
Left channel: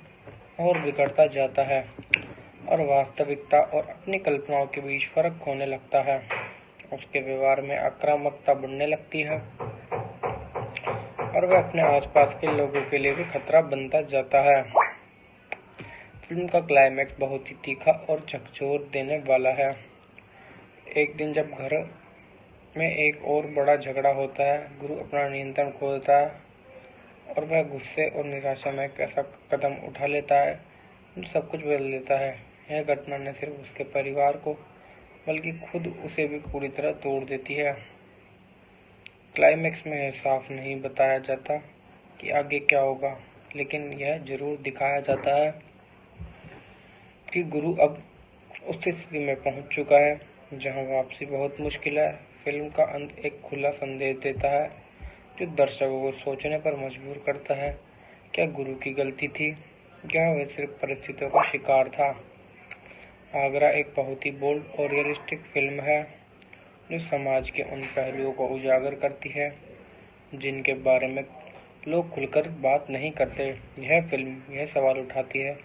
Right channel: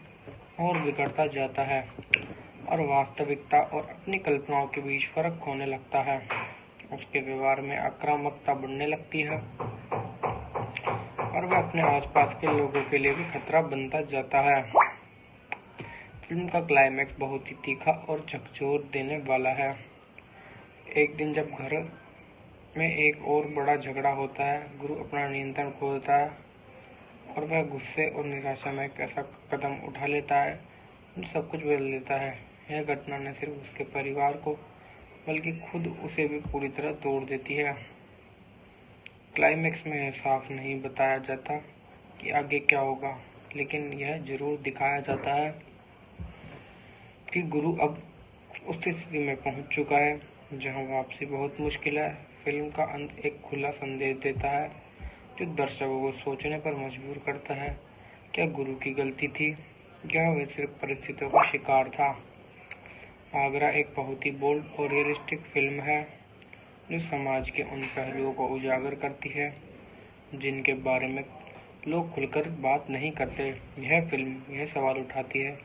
और बिगड़ता जाता है और वास्तविकता और अपनी कल्पनाओं के बीच फर्क होने लगता है। उसके व्यवहार में आक्रामकता बढ़ने लगती है और वह अपने आसपास के लोगों के लिए भी खतरा बनता जाता है। फिल्म का क्लाइमैक्स बहुत ही तीखा और झकझोर देने वाला है। एक दिन जब घर में एक और बड़ा झगड़ा होता है, गुरु अपना नियंत्रण खो देता है और वह गुस्से और निराशा में एक ऐसा कदम उठा लेता है जो सब कुछ बदल देता है। यह घटना न सिर्फ उसके परिवार को बल्कि खुद उसे भी पूरी तरह तोड़ देती है। क्लाइमैक्स में यह साफ नहीं बताया जाता कि आगे क्या होगा, लेकिन यह जरूर दिखाया जाता है कि गुरु अब उस स्थिति में पहुंच चुका है जहां वापसी बहुत मुश्किल है। फिल्म का अंत एक खुला संदेश देता है जो दर्शकों को सोचने पर मजबूर करता है। क्या गुरु की गलती थी या वह सिर्फ परिस्थितियों का शिकार था? आगरा एक बहुत ही बोल्ड और रियलिस्टिक फिल्म है जो समाज के उन पहलुओं को उजागर करती है जिनके बारे में लोग खुलकर बात नहीं करते। यह फिल्म यह सवाल उठाती है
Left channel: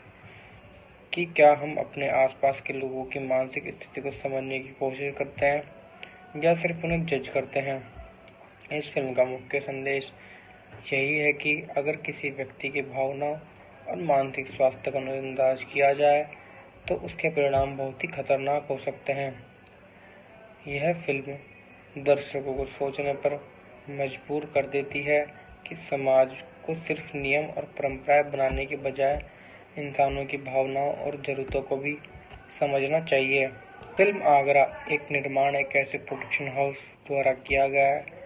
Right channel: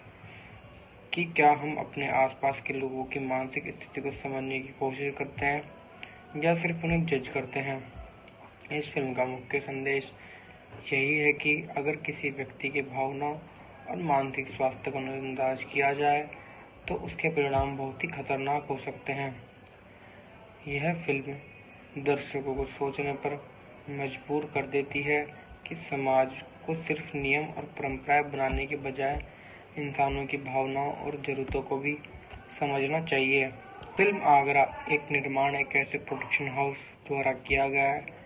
कि क्या हम अपने आसपास के लोगों की मानसिक स्थिति को समझने की कोशिश करते हैं या सिर्फ उन्हें जज करते हैं। इस फिल्म का मुख्य संदेश यही है कि अगर किसी व्यक्ति की भावनाओं और मानसिक स्वास्थ्य को नजरअंदाज किया जाए तो उसके परिणाम बहुत ही खतरनाक हो सकते हैं। यह फिल्म दर्शकों को सोचने पर मजबूर कर देती है कि समाज को सिर्फ नियम और परंपराएं बनाने के बजाय इंसानों की भावनाओं और जरूरतों को भी समझना चाहिए। फिल्म आगरा एक निर्माण एक ऐसे प्रोडक्शन हाउस द्वारा किया गया है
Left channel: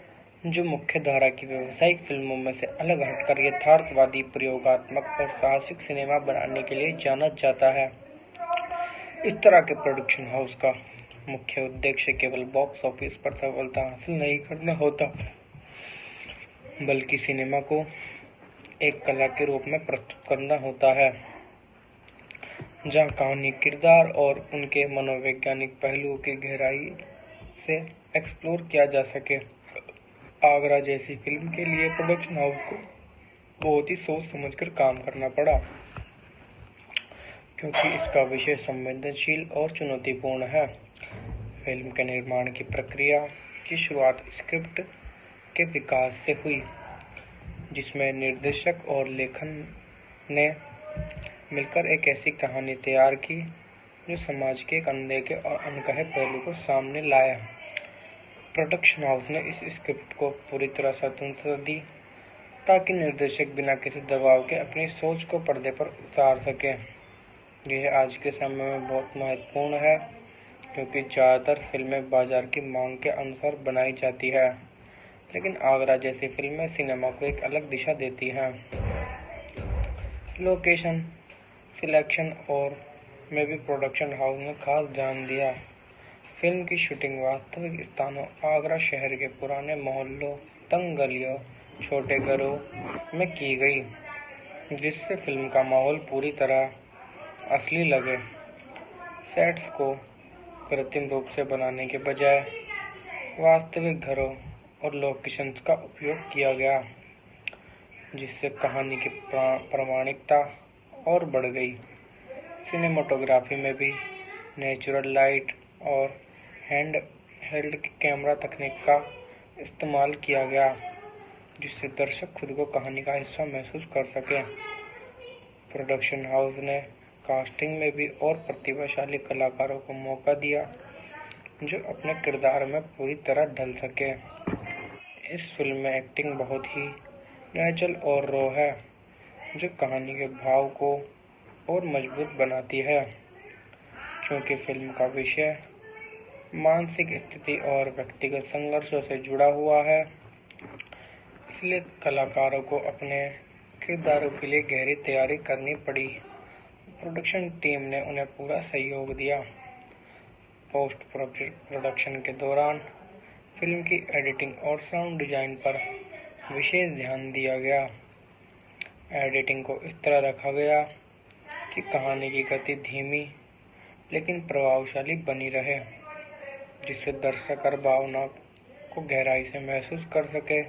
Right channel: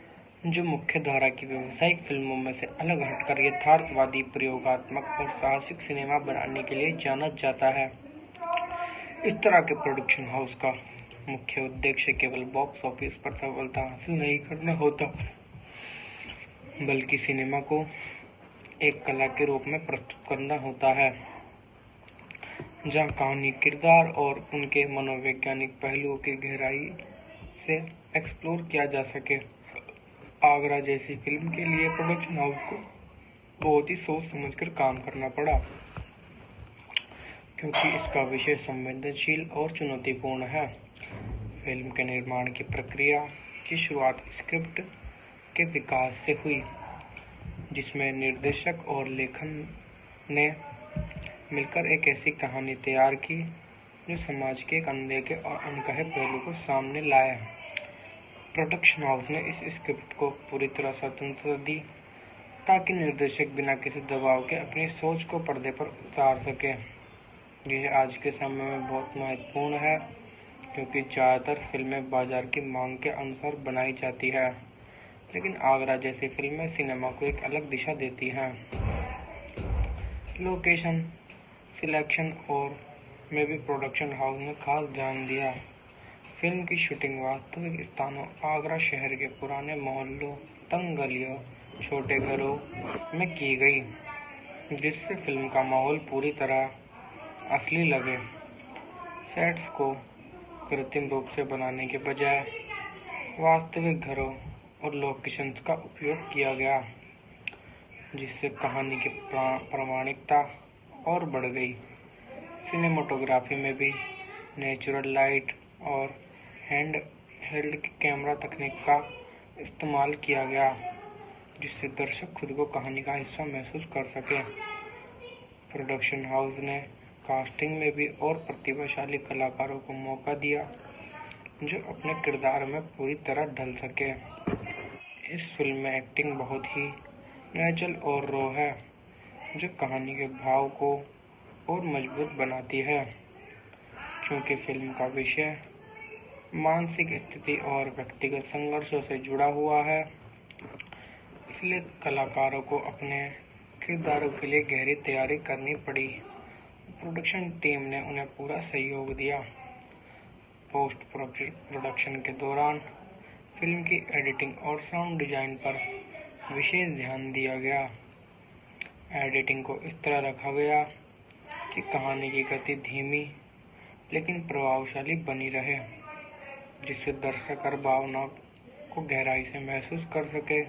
जो मुख्य धारा की व्यावसायिक फिल्मों में से अलग हटकर यथार्थवादी, प्रयोगात्मक और साहसिक सिनेमा बनाने के लिए जाना जाता है। इस तरह के प्रोडक्शन हाउस का मुख्य उद्देश्य केवल बॉक्स ऑफिस पर सफलता हासिल नहीं करना होता, बल्कि सिनेमा को एक कला के रूप में प्रस्तुत करना होता है जहां कहानी, किरदार और उनके मनोवैज्ञानिक पहलुओं की गहराई से एक्सप्लोर किया जा सके। आगरा जैसी फिल्म के लिए प्रोडक्शन हाउस को बहुत ही सोच समझकर काम करना पड़ा क्योंकि इसका विषय संवेदनशील और चुनौतीपूर्ण है। फिल्म के निर्माण की प्रक्रिया की शुरुआत स्क्रिप्ट के विकास से हुई, जिसमें निर्देशक और लेखन ने मिलकर एक ऐसी कहानी तैयार की जो समाज के एक अनदेखे और अनकहे पहलू को सामने लाया। प्रोडक्शन हाउस ने इस स्क्रिप्ट को पूरी तरह स्वतंत्रता दी ताकि निर्देशक बिना किसी दबाव के अपनी सोच को पर्दे पर उतार सके। यह आज के समय में बहुत महत्वपूर्ण है क्योंकि ज़्यादातर फिल्में बाजार की मांग के अनुसार बनाई जाती है, लेकिन आगरा जैसी फिल्में सिनेमा को एक अलग दिशा देती हैं। लोकेशन सिलेक्शन और में भी प्रोडक्शन हाउस ने खास ध्यान दिया। फिल्म की शूटिंग वास्तविक स्थानों आगरा शहर के पुराने मोहल्लों, तंग गलियों, छोटे घरों में की गई, जिससे फिल्म का माहौल पूरी तरह असली लगे। सेट्स को कृत्रिम रूप से बनाने के बजाय वास्तविक घरों और लोकेशंस का उपयोग किया गया, जिससे कहानी की प्रामाणिकता और बढ़ गई। सिनेमाटोग्राफी में भी नेचुरल लाइट और हैंड हेल्ड कैमरा तकनीक का इस्तेमाल किया गया, जिससे दर्शक खुद को कहानी का हिस्सा महसूस कर सके। प्रोडक्शन हाउस ने कास्टिंग में भी और प्रतिभाशाली कलाकारों को मौका दिया जो अपने किरदार में पूरी तरह ढल सके। इस फिल्म में एक्टिंग बहुत ही नेचुरल और रॉ है, जो कहानी के भाव को और मजबूत बनाती है। चूँकि फिल्म का विषय मानसिक स्थिति और व्यक्तिगत संघर्षों से जुड़ा हुआ है, इसलिए कलाकारों को अपने किरदारों के लिए गहरी तैयारी करनी पड़ी। प्रोडक्शन टीम ने उन्हें पूरा सहयोग दिया। पोस्ट प्रोडक्शन के दौरान फिल्म की एडिटिंग और साउंड डिजाइन पर विशेष ध्यान दिया गया। एडिटिंग को इस तरह रखा गया कि कहानी की गति धीमी लेकिन प्रभावशाली बनी रहे, जिससे दर्शक हर भावना को गहराई से महसूस कर सके।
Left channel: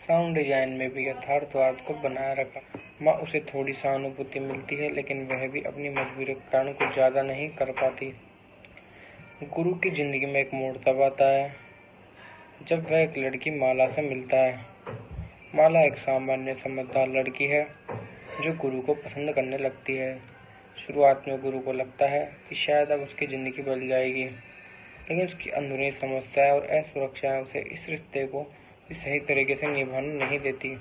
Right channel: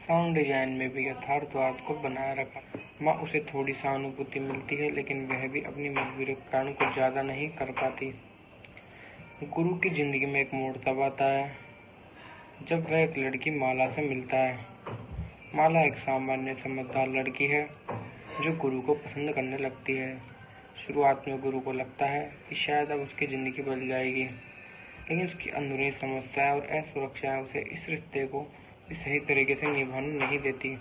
साउंड डिजाइन में भी यथार्थवाद को बनाए रखा। माँ उसे थोड़ी सहानुभूति मिलती है, लेकिन वह भी अपनी मजबूरी के कारण कुछ ज़्यादा नहीं कर पाती। गुरु की जिंदगी में एक मोड़ तब आता है जब वह एक लड़की माला से मिलता है। माला एक सामान्य समझदार लड़की है जो गुरु को पसंद करने लगती है। शुरुआत में गुरु को लगता है कि शायद अब उसकी ज़िंदगी बदल जाएगी, लेकिन उसकी अंदरूनी समस्याएं और असुरक्षाएं उसे इस रिश्ते को भी सही तरीके से निभाने नहीं देती।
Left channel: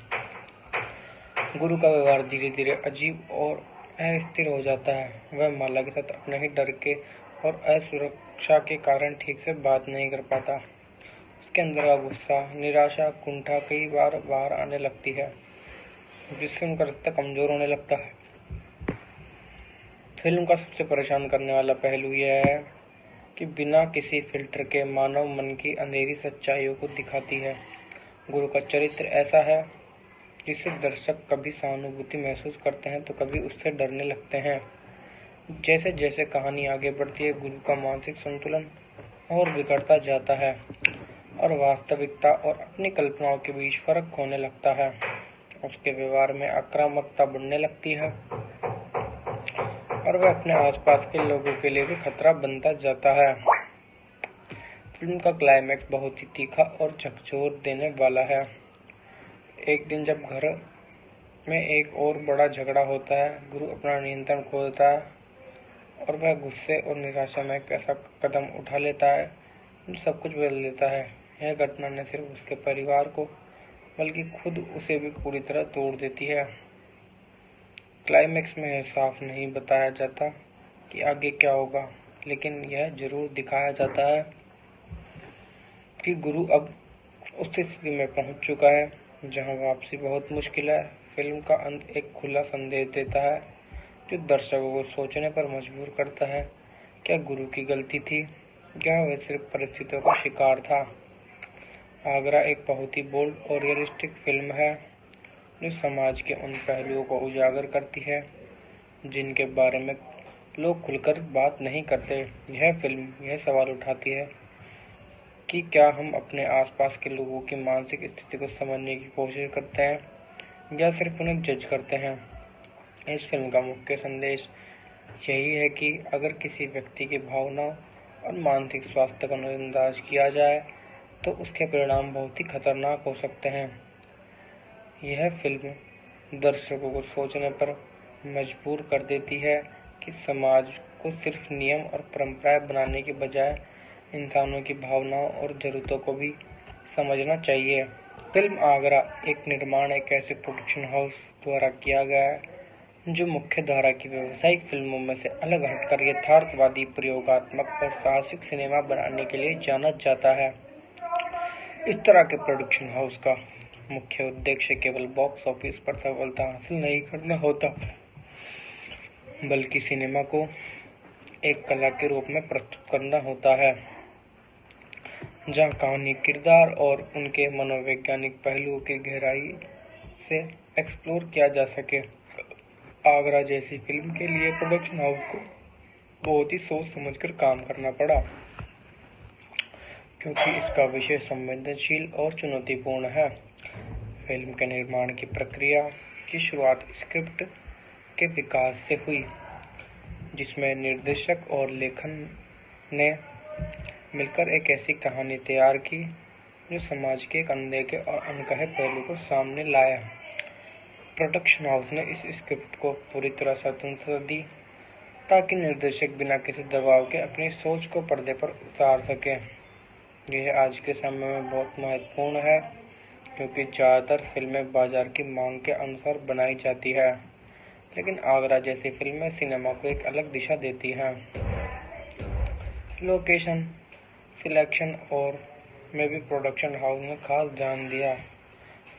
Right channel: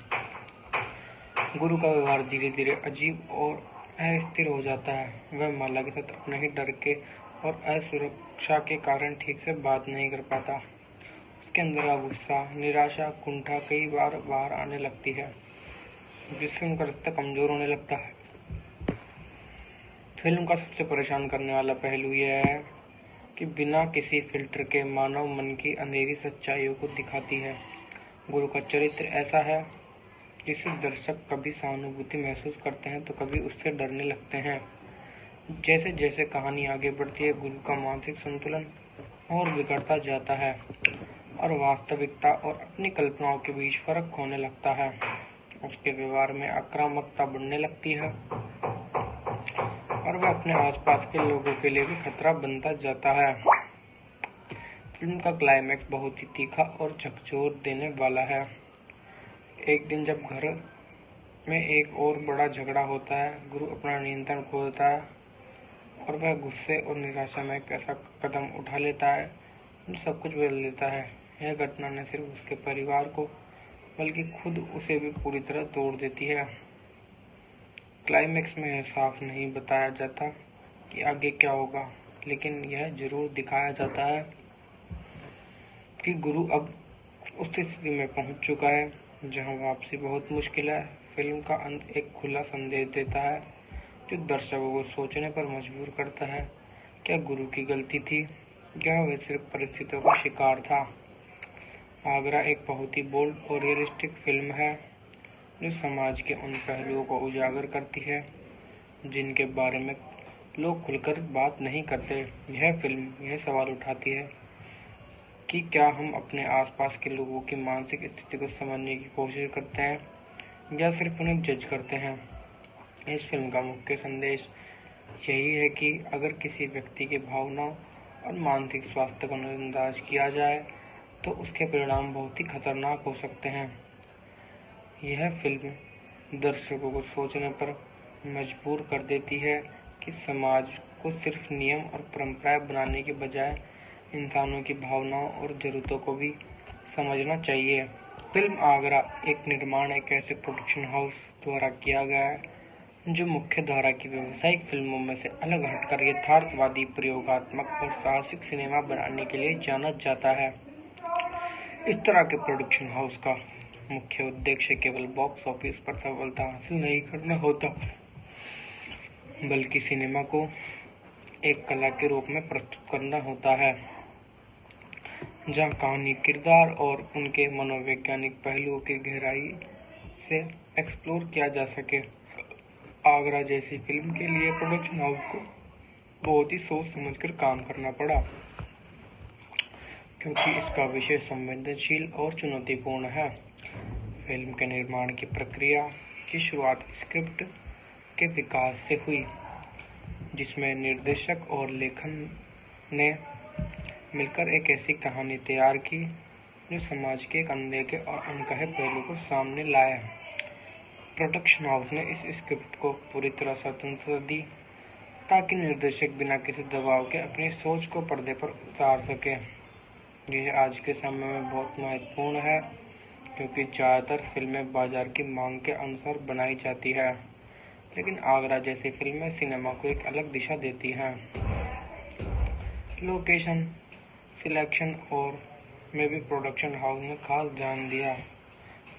गुरु का व्यवहार धीरे धीरे अजीब और अस्थिर हो जाता है। वह माला के साथ अपने ही डर के और असुरक्षा के कारण ठीक से बात नहीं कर पाता। उसके अंदर का गुस्सा, निराशा, कुंठा कई बार बाहर आने लगती है, जिससे उनका रिश्ता कमजोर होने लगता है। फिल्म का सबसे परेशान करने वाला पहलू यह है कि बिना किसी फिल्टर के मानव मन की अंधेरी सच्चाइयों को दिखाती है। गुरु का चरित्र ऐसा है जिससे दर्शक कभी सहानुभूति महसूस करते हैं तो कभी उससे डरने लगते हैं। जैसे जैसे कहानी आगे बढ़ती है, गुरु का मानसिक संतुलन और बिगड़ता जाता है और वास्तविकता और अपनी कल्पनाओं के बीच फर्क होने लगता है। उसके व्यवहार में आक्रामकता बढ़ने लगती है और वह अपने आसपास के लोगों के लिए भी खतरा बनता जाता है। फिल्म का क्लाइमैक्स बहुत ही तीखा और झकझोर देने वाला है। एक दिन जब घर में एक और बड़ा झगड़ा होता है, गुरु अपना नियंत्रण खो देता है और वह गुस्से और निराशा में एक ऐसा कदम उठा लेता है जो सब कुछ बदल देता है। यह घटना न सिर्फ उसके परिवार को बल्कि खुद उसे भी पूरी तरह तोड़ देती है। क्लाइमैक्स में यह साफ नहीं बताया जाता कि आगे क्या होगा, लेकिन यह जरूर दिखाया जाता है कि गुरु अब उस स्थिति में पहुंच चुका है जहां वापसी बहुत मुश्किल है। फिल्म का अंत एक खुला संदेश देता है जो दर्शकों को सोचने पर मजबूर करता है। क्या गुरु की गलती थी या वह सिर्फ परिस्थितियों का शिकार था? आगरा एक बहुत ही बोल्ड और रियलिस्टिक फिल्म है जो समाज के उन पहलुओं को उजागर करती है जिनके बारे में लोग खुलकर बात नहीं करते। यह फिल्म यह सवाल उठाती है कि क्या हम अपने आसपास के लोगों की मानसिक स्थिति को समझने की कोशिश करते हैं या सिर्फ उन्हें जज करते हैं। इस फिल्म का मुख्य संदेश यही है कि अगर किसी व्यक्ति की भावनाओं और मानसिक स्वास्थ्य को नजरअंदाज किया जाए तो उसके परिणाम बहुत ही खतरनाक हो सकते हैं। यह फिल्म दर्शकों को सोचने पर मजबूर कर देती है कि समाज को सिर्फ नियम और परंपराएं बनाने के बजाय इंसानों की भावनाओं और जरूरतों को भी समझना चाहिए। फिल्म आगरा एक निर्माण एक ऐसे प्रोडक्शन हाउस द्वारा किया गया है जो मुख्य धारा की व्यावसायिक फिल्मों में से अलग हटकर यथार्थवादी, प्रयोगात्मक और साहसिक सिनेमा बनाने के लिए जाना जाता है। इस तरह के प्रोडक्शन हाउस का मुख्य उद्देश्य केवल बॉक्स ऑफिस पर सफलता हासिल नहीं करना होता, बल्कि सिनेमा को एक कला के रूप में प्रस्तुत करना होता है जहां कहानी, किरदार और उनके मनोवैज्ञानिक पहलुओं की गहराई से एक्सप्लोर किया जा सके। आगरा जैसी फिल्म के लिए प्रोडक्शन हाउस को बहुत ही सोच समझकर काम करना पड़ा, क्योंकि इसका विषय संवेदनशील और चुनौतीपूर्ण है। फिल्म के निर्माण की प्रक्रिया की शुरुआत स्क्रिप्ट के विकास से हुई, जिसमें निर्देशक और लेखन ने मिलकर एक ऐसी कहानी तैयार की जो समाज के एक अनदेखे और अनकहे पहलू को सामने लाया। प्रोडक्शन हाउस ने इस स्क्रिप्ट को पूरी तरह स्वतंत्रता दी ताकि निर्देशक बिना किसी दबाव के अपनी सोच को पर्दे पर उतार सके। यह आज के समय में बहुत महत्वपूर्ण है क्योंकि ज़्यादातर फिल्में बाजार की मांग के अनुसार बनाई जाती है, लेकिन आगरा जैसी फिल्में सिनेमा को एक अलग दिशा देती हैं। लोकेशन सिलेक्शन और में भी प्रोडक्शन हाउस ने खास ध्यान दिया।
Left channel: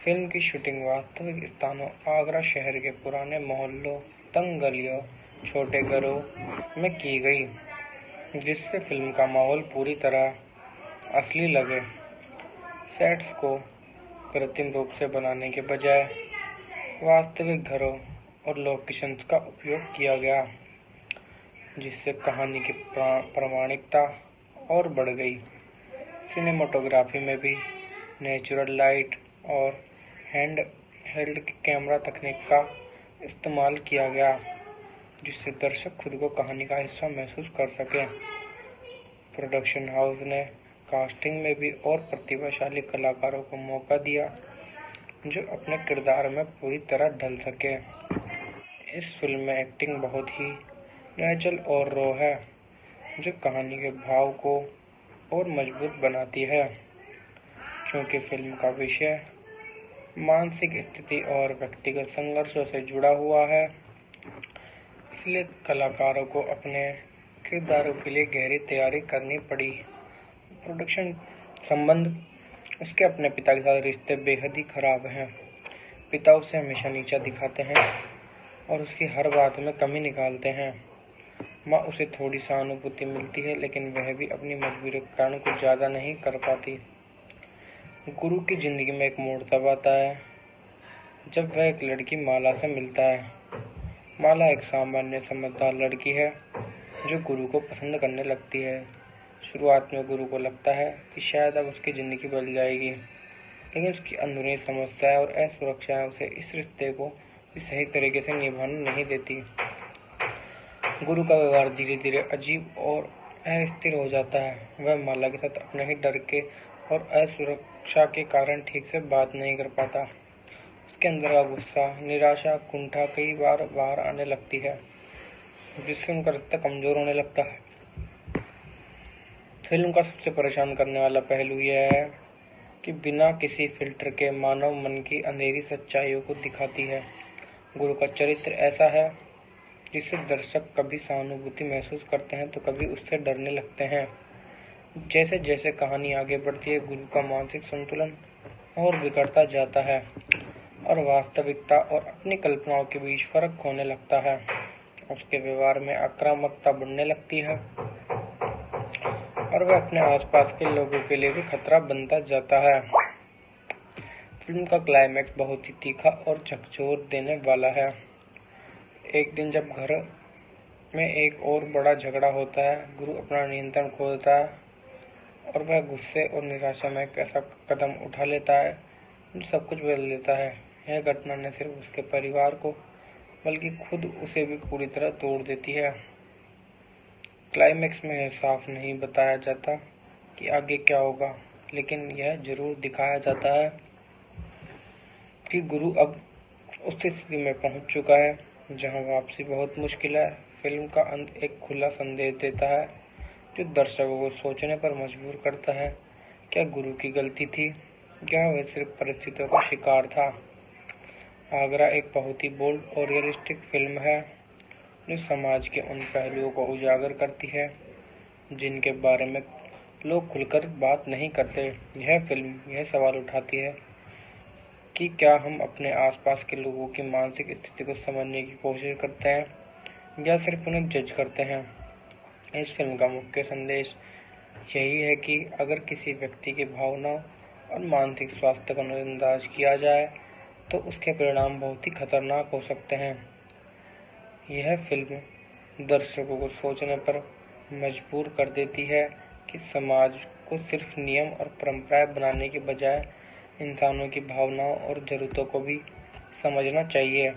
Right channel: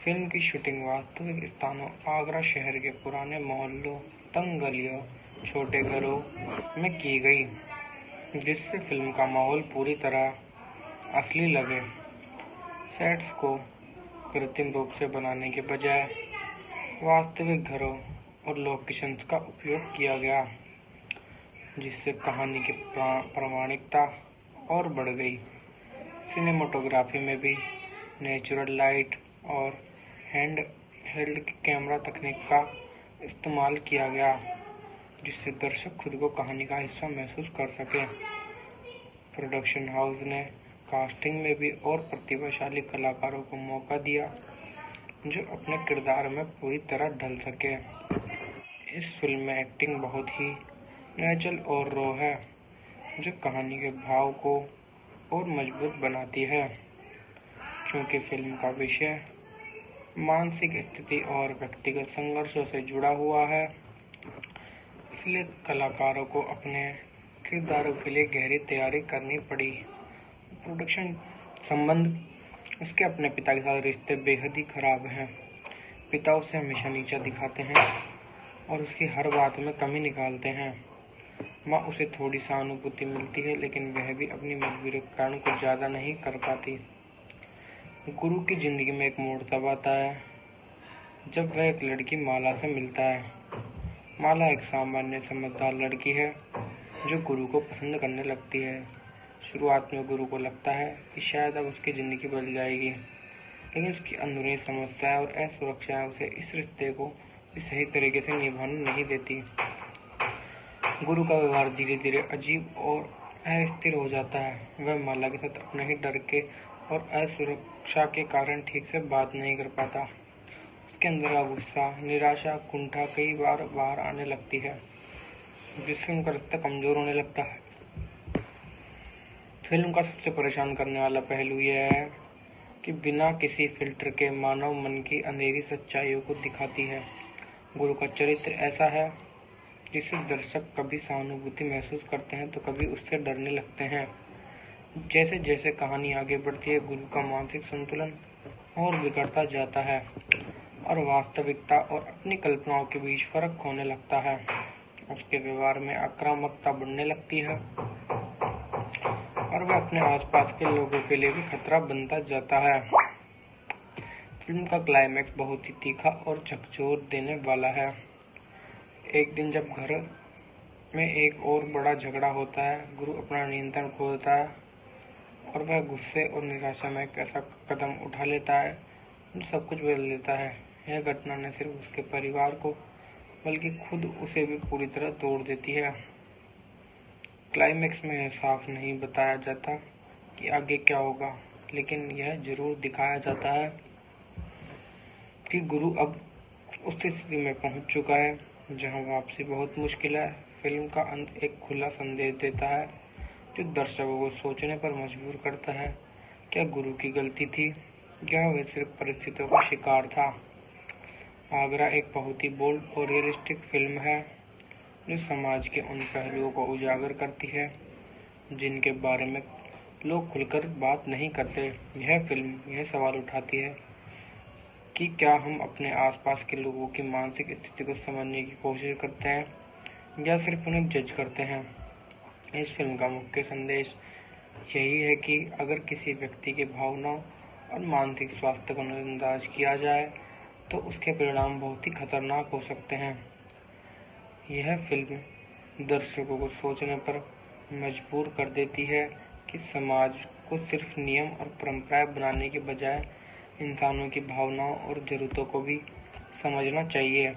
फिल्म की शूटिंग वास्तविक स्थानों, आगरा शहर के पुराने मोहल्लों, तंग गलियों, छोटे घरों में की गई, जिससे फिल्म का माहौल पूरी तरह असली लगे। सेट्स को कृत्रिम रूप से बनाने के बजाय वास्तविक घरों और लोकेशंस का उपयोग किया गया, जिससे कहानी की प्रामाणिकता और बढ़ गई। सिनेमाटोग्राफी में भी नेचुरल लाइट और हैंड हेल्ड कैमरा तकनीक का इस्तेमाल किया गया, जिससे दर्शक खुद को कहानी का हिस्सा महसूस कर सके। प्रोडक्शन हाउस ने कास्टिंग में भी और प्रतिभाशाली कलाकारों को मौका दिया, जो अपने किरदार में पूरी तरह ढल सके। इस फिल्म में एक्टिंग बहुत ही नेचुरल और रॉ है, जो कहानी के भाव को और मजबूत बनाती है। चूँकि फिल्म का विषय मानसिक स्थिति और व्यक्तिगत संघर्षों से जुड़ा हुआ है, इसलिए कलाकारों को अपने किरदारों के लिए गहरी तैयारी करनी पड़ी। प्रोडक्शन संबंध उसके अपने पिता के साथ रिश्ते बेहद ही खराब हैं। पिता उसे हमेशा नीचा दिखाते हैं और उसकी हर बात में कमी निकालते हैं। माँ उसे थोड़ी सहानुभूति मिलती है, लेकिन वह भी अपनी मजबूरी के कारण कुछ ज़्यादा नहीं कर पाती। गुरु की जिंदगी में एक मोड़ तब आता है जब वह एक लड़की माला से मिलता है। माला एक सामान्य समझदार लड़की है जो गुरु को पसंद करने लगती है। शुरुआत में गुरु को लगता है कि शायद अब उसकी ज़िंदगी बदल जाएगी, लेकिन उसकी अंदरूनी समस्याएं और असुरक्षाएं उसे इस रिश्ते को भी सही तरीके से निभाने नहीं देती। गुरु का व्यवहार धीरे धीरे अजीब और अस्थिर हो जाता है। वह माला के साथ अपने ही डर के और असुरक्षा के कारण ठीक से बात नहीं कर पाता। उसके अंदर का गुस्सा, निराशा, कुंठा कई बार बाहर आने लगती है, जिससे उनका रिश्ता कमजोर होने लगता है। फिल्म का सबसे परेशान करने वाला पहलू यह है कि बिना किसी फिल्टर के मानव मन की अंधेरी सच्चाइयों को दिखाती है। गुरु का चरित्र ऐसा है जिससे दर्शक कभी सहानुभूति महसूस करते हैं तो कभी उससे डरने लगते हैं। जैसे जैसे कहानी आगे बढ़ती है, गुरु का मानसिक संतुलन और बिगड़ता जाता है और वास्तविकता और अपनी कल्पनाओं के बीच फर्क होने लगता है। उसके व्यवहार में आक्रामकता बढ़ने लगती है और वह अपने आसपास के लोगों के लिए भी खतरा बनता जाता है। फिल्म का क्लाइमैक्स बहुत ही तीखा और झकझोर देने वाला है। एक दिन जब घर में एक और बड़ा झगड़ा होता है, गुरु अपना नियंत्रण खो देता है और वह गुस्से और निराशा में एक ऐसा कदम उठा लेता है जो सब कुछ बदल देता है। यह घटना न सिर्फ उसके परिवार को बल्कि खुद उसे भी पूरी तरह तोड़ देती है। क्लाइमैक्स में यह साफ नहीं बताया जाता कि आगे क्या होगा, लेकिन यह जरूर दिखाया जाता है कि गुरु अब उस स्थिति में पहुंच चुका है जहां वापसी बहुत मुश्किल है। फिल्म का अंत एक खुला संदेश देता है जो दर्शकों को सोचने पर मजबूर करता है। क्या गुरु की गलती थी या वह सिर्फ परिस्थितियों का शिकार था? आगरा एक बहुत ही बोल्ड और रियलिस्टिक फिल्म है जो समाज के उन पहलुओं को उजागर करती है जिनके बारे में लोग खुलकर बात नहीं करते। यह फिल्म यह सवाल उठाती है कि क्या हम अपने आसपास के लोगों की मानसिक स्थिति को समझने की कोशिश करते हैं या सिर्फ उन्हें जज करते हैं। इस फिल्म का मुख्य संदेश यही है कि अगर किसी व्यक्ति की भावनाओं और मानसिक स्वास्थ्य को नजरअंदाज किया जाए तो उसके परिणाम बहुत ही खतरनाक हो सकते हैं। यह फिल्म दर्शकों को सोचने पर मजबूर कर देती है कि समाज को सिर्फ नियम और परंपराएं बनाने के बजाय इंसानों की भावनाओं और जरूरतों को भी समझना चाहिए।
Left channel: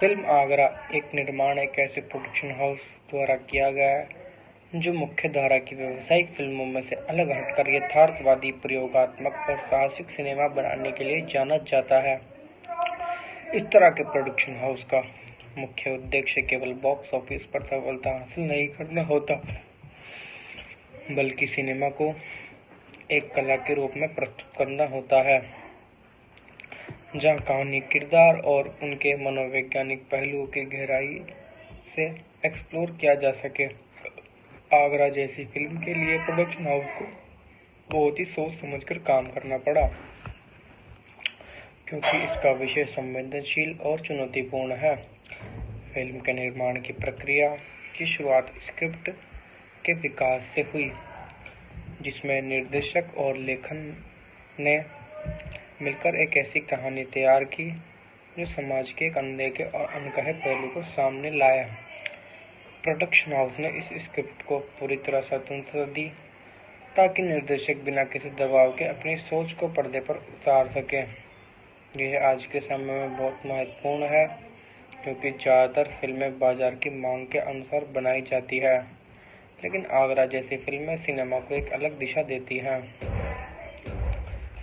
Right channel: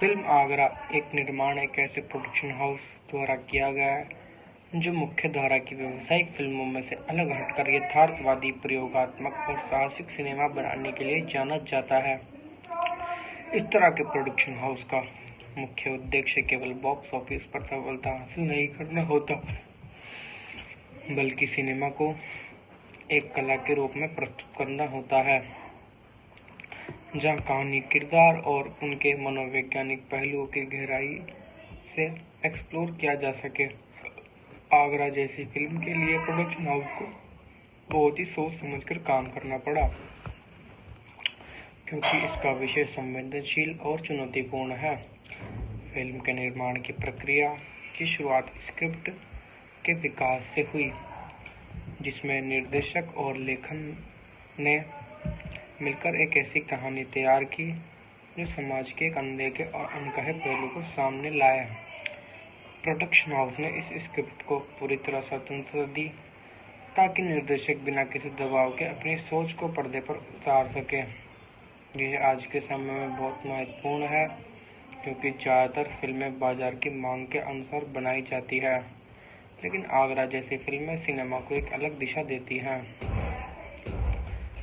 फिल्म आगरा एक निर्माण एक ऐसे प्रोडक्शन हाउस द्वारा किया गया है जो मुख्य धारा की व्यावसायिक फिल्मों में से अलग हटकर यथार्थवादी, प्रयोगात्मक और साहसिक सिनेमा बनाने के लिए जाना जाता है। इस तरह के प्रोडक्शन हाउस का मुख्य उद्देश्य केवल बॉक्स ऑफिस पर सफलता हासिल नहीं करना होता, बल्कि सिनेमा को एक कला के रूप में प्रस्तुत करना होता है जहां कहानी, किरदार और उनके मनोवैज्ञानिक पहलुओं की गहराई से एक्सप्लोर किया जा सके। आगरा जैसी फिल्म के लिए प्रोडक्शन हाउस को बहुत ही सोच समझकर काम करना पड़ा, क्योंकि इसका विषय संवेदनशील और चुनौतीपूर्ण है। फिल्म के निर्माण की प्रक्रिया की शुरुआत स्क्रिप्ट के विकास से हुई, जिसमें निर्देशक और लेखन ने मिलकर एक ऐसी कहानी तैयार की जो समाज के एक अनदेखे और अनकहे पहलू को सामने लाया। प्रोडक्शन हाउस ने इस स्क्रिप्ट को पूरी तरह स्वतंत्रता दी ताकि निर्देशक बिना किसी दबाव के अपनी सोच को पर्दे पर उतार सके। यह आज के समय में बहुत महत्वपूर्ण है क्योंकि ज़्यादातर फिल्में बाजार की मांग के अनुसार बनाई जाती है, लेकिन आगरा जैसी फिल्में सिनेमा को एक अलग दिशा देती हैं।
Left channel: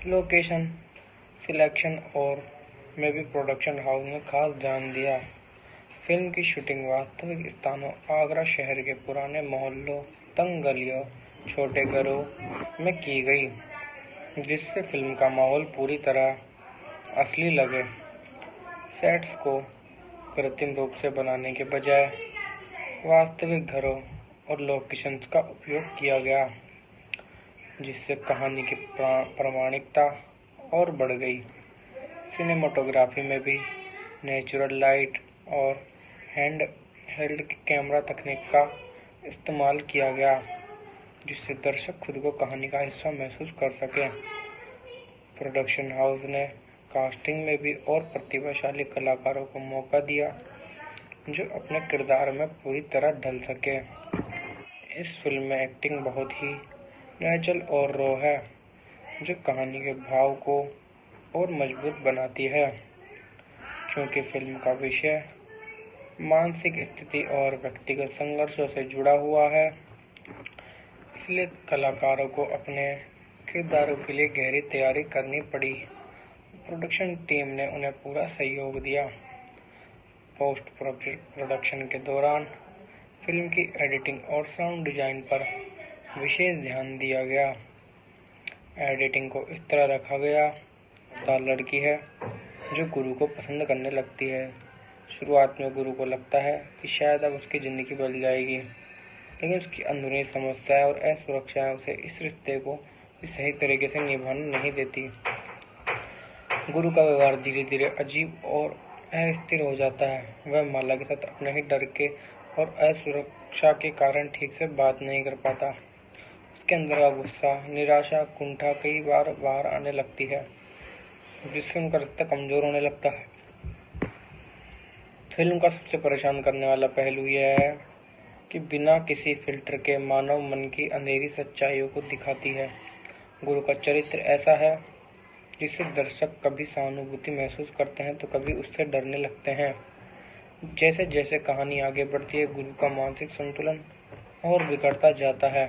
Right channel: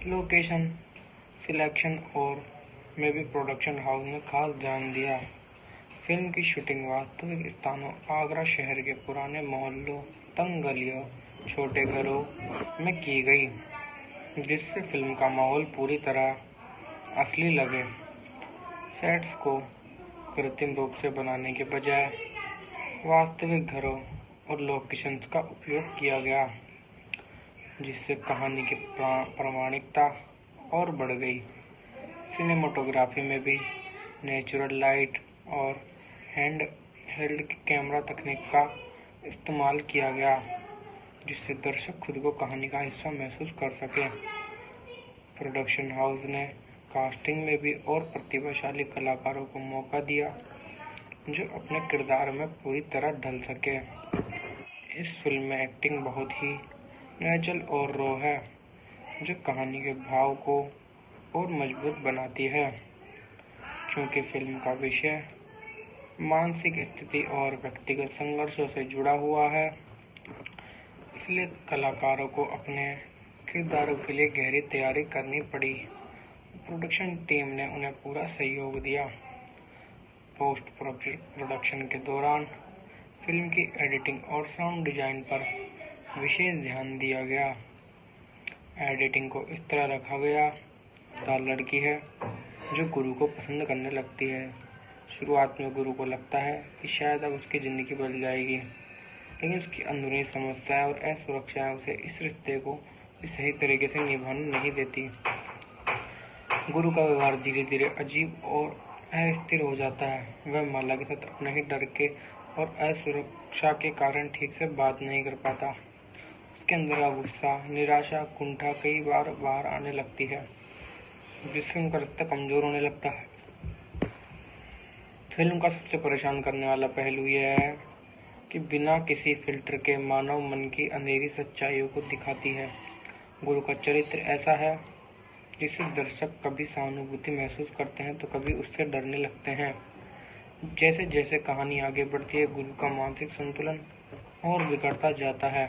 लोकेशन सिलेक्शन और में भी प्रोडक्शन हाउस ने खास ध्यान दिया। फिल्म की शूटिंग वास्तविक स्थानों आगरा शहर के पुराने मोहल्लों, तंग गलियों, छोटे घरों में की गई, जिससे फिल्म का माहौल पूरी तरह असली लगे। सेट्स को कृत्रिम रूप से बनाने के बजाय वास्तविक घरों और लोकेशंस का उपयोग किया गया, जिससे कहानी की प्रामाणिकता और बढ़ गई। सिनेमाटोग्राफी में भी नेचुरल लाइट और हैंड हेल्ड कैमरा तकनीक का इस्तेमाल किया गया, जिससे दर्शक खुद को कहानी का हिस्सा महसूस कर सके। प्रोडक्शन हाउस ने कास्टिंग में भी और प्रतिभाशाली कलाकारों को मौका दिया जो अपने किरदार में पूरी तरह ढल सके। इस फिल्म में एक्टिंग बहुत ही नेचुरल और रॉ है, जो कहानी के भाव को और मजबूत बनाती है। चूँकि फिल्म का विषय मानसिक स्थिति और व्यक्तिगत संघर्षों से जुड़ा हुआ है, इसलिए कलाकारों को अपने किरदारों के लिए गहरी तैयारी करनी पड़ी। प्रोडक्शन टीम ने उन्हें पूरा सहयोग दिया। पोस्ट प्रोडक्शन के दौरान फिल्म की एडिटिंग और साउंड डिजाइन पर विशेष ध्यान दिया गया। एडिटिंग को इस तरह रखा गया था लड़की है जो गुरु को पसंद करने लगती है। शुरुआत में गुरु को लगता है कि शायद अब उसकी ज़िंदगी बदल जाएगी, लेकिन उसकी अंदरूनी समस्याएं और असुरक्षाएं उसे इस रिश्ते को भी सही तरीके से निभाने नहीं देती। गुरु का व्यवहार धीरे धीरे अजीब और अस्थिर हो जाता है। वह माला के साथ अपने ही डर के और असुरक्षा के कारण ठीक से बात नहीं कर पाता। उसके अंदर का गुस्सा, निराशा, कुंठा कई बार बाहर आने लगती है, जिससे उनका रिश्ता कमजोर होने लगता है। फिल्म का सबसे परेशान करने वाला पहलू यह है कि बिना किसी फिल्टर के मानव मन की अंधेरी सच्चाइयों को दिखाती है। गुरु का चरित्र ऐसा है जिससे दर्शक कभी सहानुभूति महसूस करते हैं तो कभी उससे डरने लगते हैं। जैसे जैसे कहानी आगे बढ़ती है, गुरु का मानसिक संतुलन और बिगड़ता जाता है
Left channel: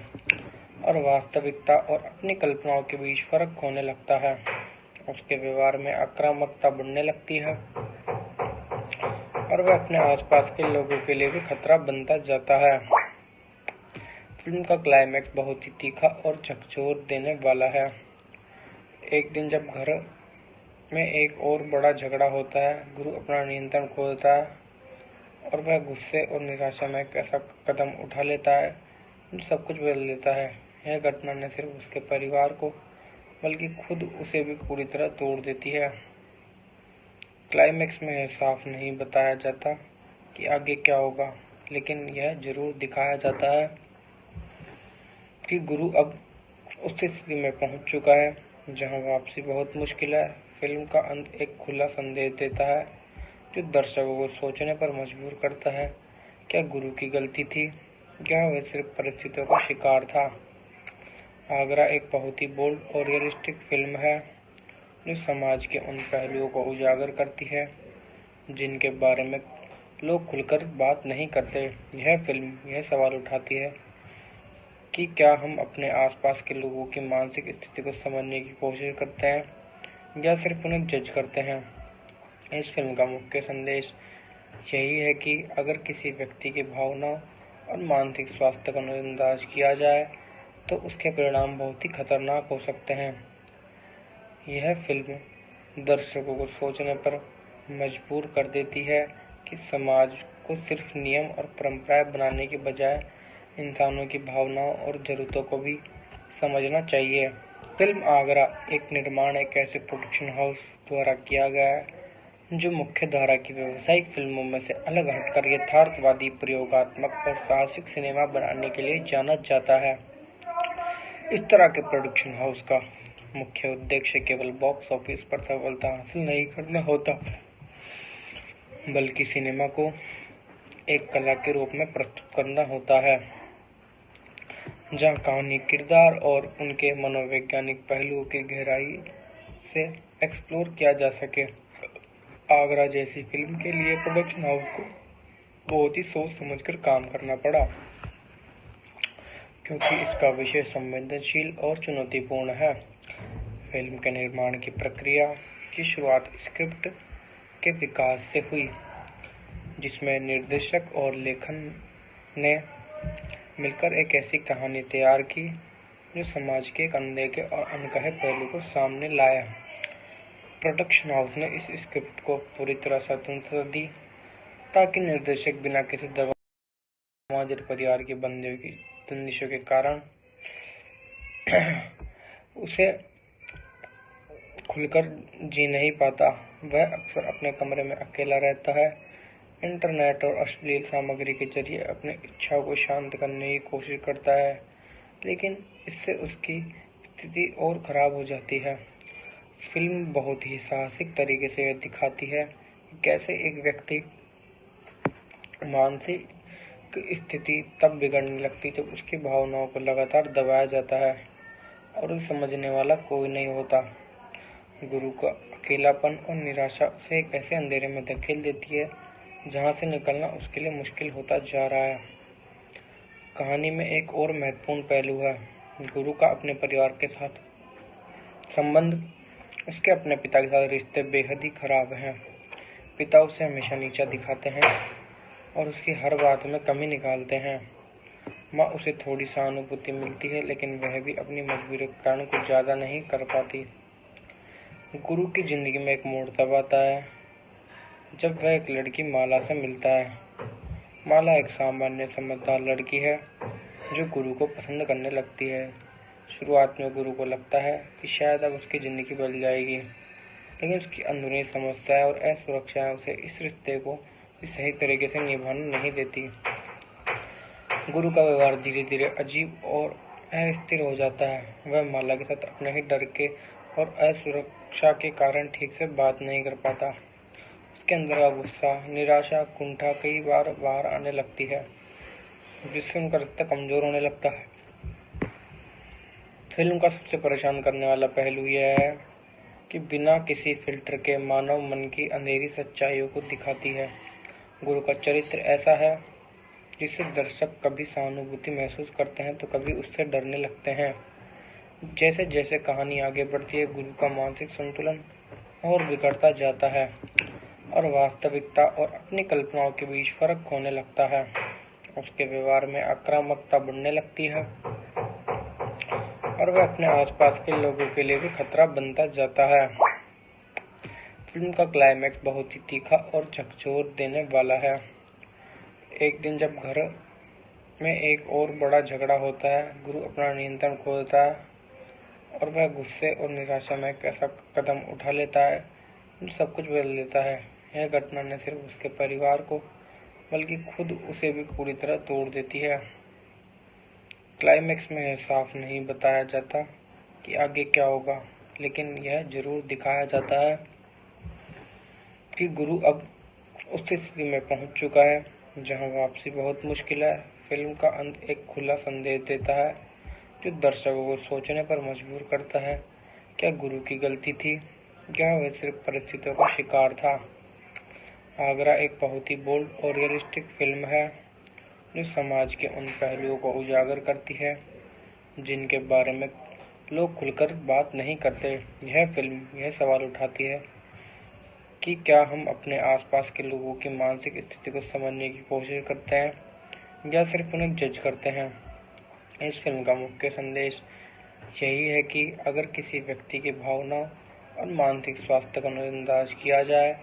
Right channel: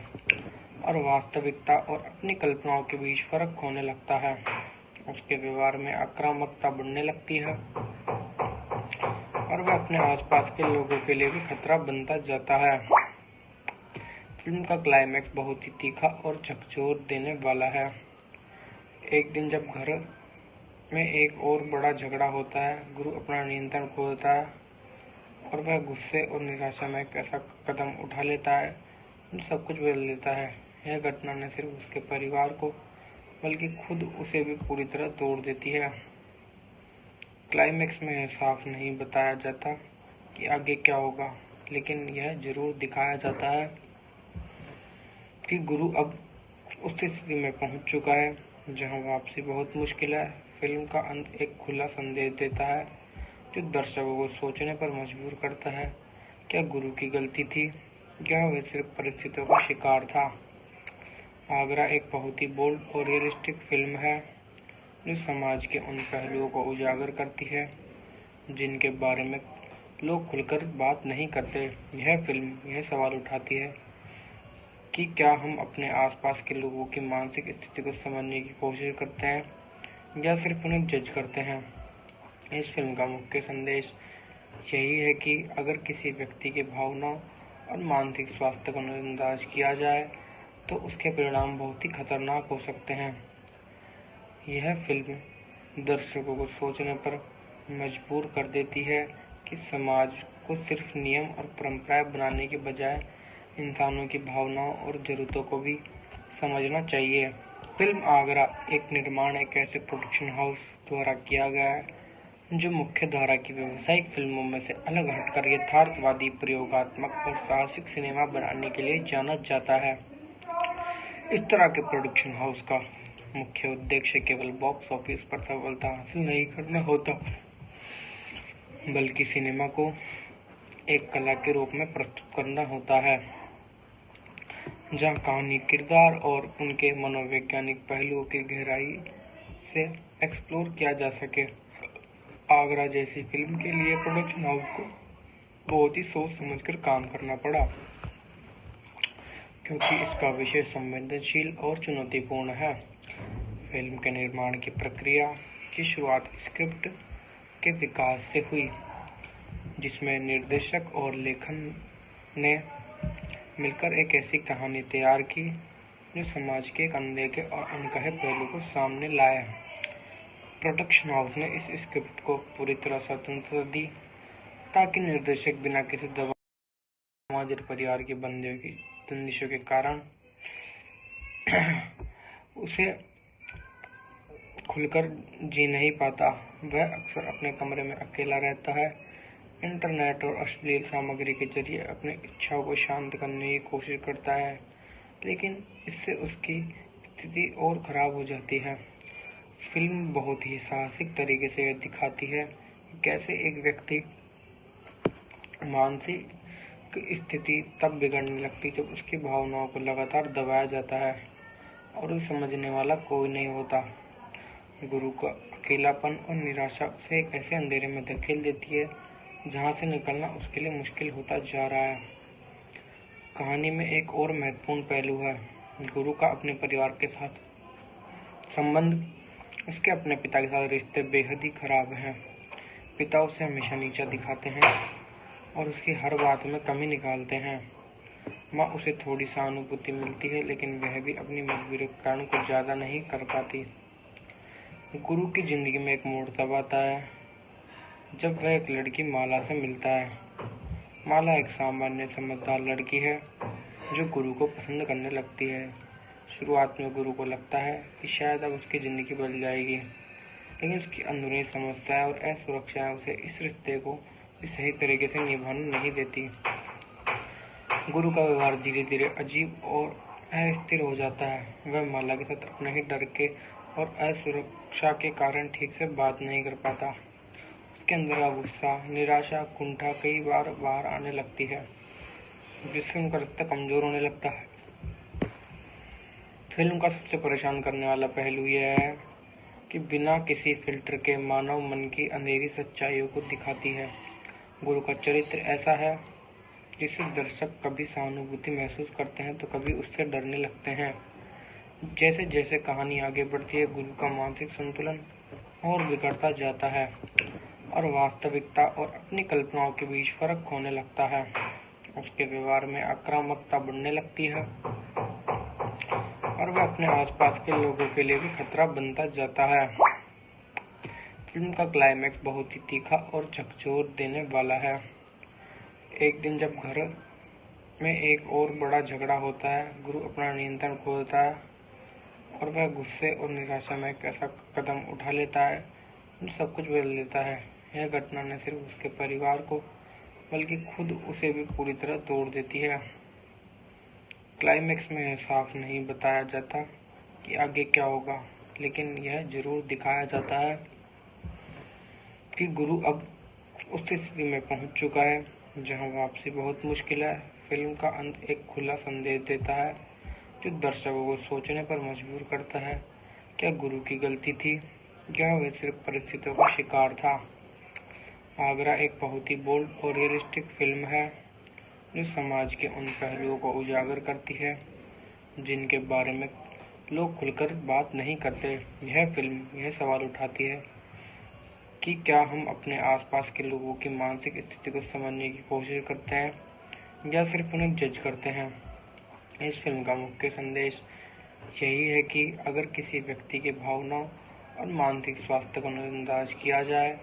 और वास्तविकता और अपनी कल्पनाओं के बीच फर्क होने लगता है। उसके व्यवहार में आक्रामकता बढ़ने लगती है और वह अपने आसपास के लोगों के लिए भी खतरा बनता जाता है। फिल्म का क्लाइमैक्स बहुत ही तीखा और झकझोर देने वाला है। एक दिन जब घर में एक और बड़ा झगड़ा होता है, गुरु अपना नियंत्रण खो देता है और वह गुस्से और निराशा में एक ऐसा कदम उठा लेता है जो सब कुछ बदल देता है। यह घटना न सिर्फ उसके परिवार को बल्कि खुद उसे भी पूरी तरह तोड़ देती है। क्लाइमैक्स में यह साफ नहीं बताया जाता कि आगे क्या होगा, लेकिन यह जरूर दिखाया जाता है कि गुरु अब उस स्थिति में पहुंच चुका है जहां वापसी बहुत मुश्किल है। फिल्म का अंत एक खुला संदेश देता है जो दर्शकों को सोचने पर मजबूर करता है। क्या गुरु की गलती थी या वह सिर्फ परिस्थितियों का शिकार था? आगरा एक बहुत ही बोल्ड और रियलिस्टिक फिल्म है जो समाज के उन पहलुओं को उजागर करती है जिनके बारे में लोग खुलकर बात नहीं करते। यह फिल्म यह सवाल उठाती है कि क्या हम अपने आसपास के लोगों की मानसिक स्थिति को समझने की कोशिश करते हैं या सिर्फ उन्हें जज करते हैं। इस फिल्म का मुख्य संदेश यही है कि अगर किसी व्यक्ति की भावनाओं और मानसिक स्वास्थ्य को नजरअंदाज किया जाए तो उसके परिणाम बहुत ही खतरनाक हो सकते हैं। यह फिल्म दर्शकों को सोचने पर मजबूर कर देती है कि समाज को सिर्फ नियम और परंपराएं बनाने के बजाय इंसानों की भावनाओं और जरूरतों को भी समझना चाहिए। फिल्म आगरा एक निर्माण एक ऐसे प्रोडक्शन हाउस द्वारा किया गया है जो मुख्य धारा की व्यावसायिक फिल्मों में से अलग हटकर यथार्थवादी, प्रयोगात्मक और साहसिक सिनेमा बनाने के लिए जाना जाता है। इस तरह के प्रोडक्शन हाउस का मुख्य उद्देश्य केवल बॉक्स ऑफिस पर सफलता हासिल नहीं करना होता, बल्कि सिनेमा को एक कला के रूप में प्रस्तुत करना होता है, जहां कहानी, किरदार और उनके मनोवैज्ञानिक पहलुओं की गहराई से एक्सप्लोर किया जा सके। आगरा जैसी फिल्म के लिए प्रोडक्शन हाउस को बहुत ही सोच समझकर काम करना पड़ा, क्योंकि इसका विषय संवेदनशील और चुनौतीपूर्ण है। फिल्म के निर्माण की प्रक्रिया की शुरुआत स्क्रिप्ट के विकास से हुई, जिसमें निर्देशक और लेखन ने मिलकर एक ऐसी कहानी तैयार की जो समाज के एक अनदेखे और अनकहे पहलू को सामने लाया। प्रोडक्शन हाउस ने इस स्क्रिप्ट को पूरी तरह स्वतंत्रता दी, ताकि निर्देशक बिना किसी दबाव, समाज और परिवार के बंदियों की बंदिशों के कारण उसे खुलकर जी नहीं पाता। वह अक्सर अपने कमरे में अकेला रहता है, इंटरनेट और अश्लील सामग्री के जरिए अपनी इच्छाओं को शांत करने की कोशिश करता है, लेकिन इससे उसकी स्थिति और खराब हो जाती है। फिल्म बहुत ही साहसिक तरीके से यह दिखाती है कि कैसे एक व्यक्ति मानसिक स्थिति तब बिगड़ने लगती जब उसकी भावनाओं को लगातार दबाया जाता है और उसे समझने वाला कोई नहीं होता। गुरु का अकेलापन और निराशा उसे एक ऐसे अंधेरे में धकेल देती है जहां से निकलना उसके लिए मुश्किल होता जा रहा है। कहानी में एक और महत्वपूर्ण पहलू है गुरु का अपने परिवार के साथ संबंध। उसके अपने पिता के साथ रिश्ते बेहद ही खराब हैं। पिता उसे हमेशा नीचा दिखाते हैं और उसकी हर बात में कमी निकालते हैं। माँ उसे थोड़ी सहानुभूति मिलती है, लेकिन वह भी अपनी मजबूरी के कारण कुछ ज़्यादा नहीं कर पाती। गुरु की जिंदगी में एक मोड़ तब आता है जब वह एक लड़की माला से मिलता है। माला एक सामान्य समझदार लड़की है जो गुरु को पसंद करने लगती है। शुरुआत में गुरु को लगता है कि शायद अब उसकी ज़िंदगी बदल जाएगी, लेकिन उसकी अंदरूनी समस्याएं और असुरक्षाएं उसे इस रिश्ते को भी सही तरीके से निभाने नहीं देती। गुरु का व्यवहार धीरे धीरे अजीब और अस्थिर हो जाता है। वह माला के साथ अपने ही डर के और असुरक्षा के कारण ठीक से बात नहीं कर पाता। उसके अंदर का गुस्सा, निराशा, कुंठा कई बार बाहर आने लगती है, जिससे उनका रिश्ता कमजोर होने लगता है। फिल्म का सबसे परेशान करने वाला पहलू यह है कि बिना किसी फिल्टर के मानव मन की अंधेरी सच्चाइयों को दिखाती है। गुरु का चरित्र ऐसा है जिससे दर्शक कभी सहानुभूति महसूस करते हैं तो कभी उससे डरने लगते हैं। जैसे जैसे कहानी आगे बढ़ती है, गुरु का मानसिक संतुलन और बिगड़ता जाता है और वास्तविकता और अपनी कल्पनाओं के बीच फर्क होने लगता है। उसके व्यवहार में आक्रामकता बढ़ने लगती है और वह अपने आसपास के लोगों के लिए भी खतरा बनता जाता है। फिल्म का क्लाइमैक्स बहुत ही तीखा और झकझोर देने वाला है। एक दिन जब घर में एक और बड़ा झगड़ा होता है, गुरु अपना नियंत्रण खो देता है और वह गुस्से और निराशा में एक ऐसा कदम उठा लेता है जो सब कुछ बदल देता है। यह घटना न सिर्फ उसके परिवार को बल्कि खुद उसे भी पूरी तरह तोड़ देती है। क्लाइमैक्स में यह साफ नहीं बताया जाता कि आगे क्या होगा, लेकिन यह जरूर दिखाया जाता है कि गुरु अब उस स्थिति में पहुंच चुका है जहां वापसी बहुत मुश्किल है। फिल्म का अंत एक खुला संदेश देता है जो दर्शकों को सोचने पर मजबूर करता है। क्या गुरु की गलती थी या वह सिर्फ परिस्थितियों का शिकार था? आगरा एक बहुत ही बोल्ड और रियलिस्टिक फिल्म है जो समाज के उन पहलुओं को उजागर करती है जिनके बारे में लोग खुलकर बात नहीं करते। यह फिल्म यह सवाल उठाती है कि क्या हम अपने आसपास के लोगों की मानसिक स्थिति को समझने की कोशिश करते हैं या सिर्फ उन्हें जज करते हैं। इस फिल्म का मुख्य संदेश यही है कि अगर किसी व्यक्ति की भावनाओं और मानसिक स्वास्थ्य को नजरअंदाज किया जाए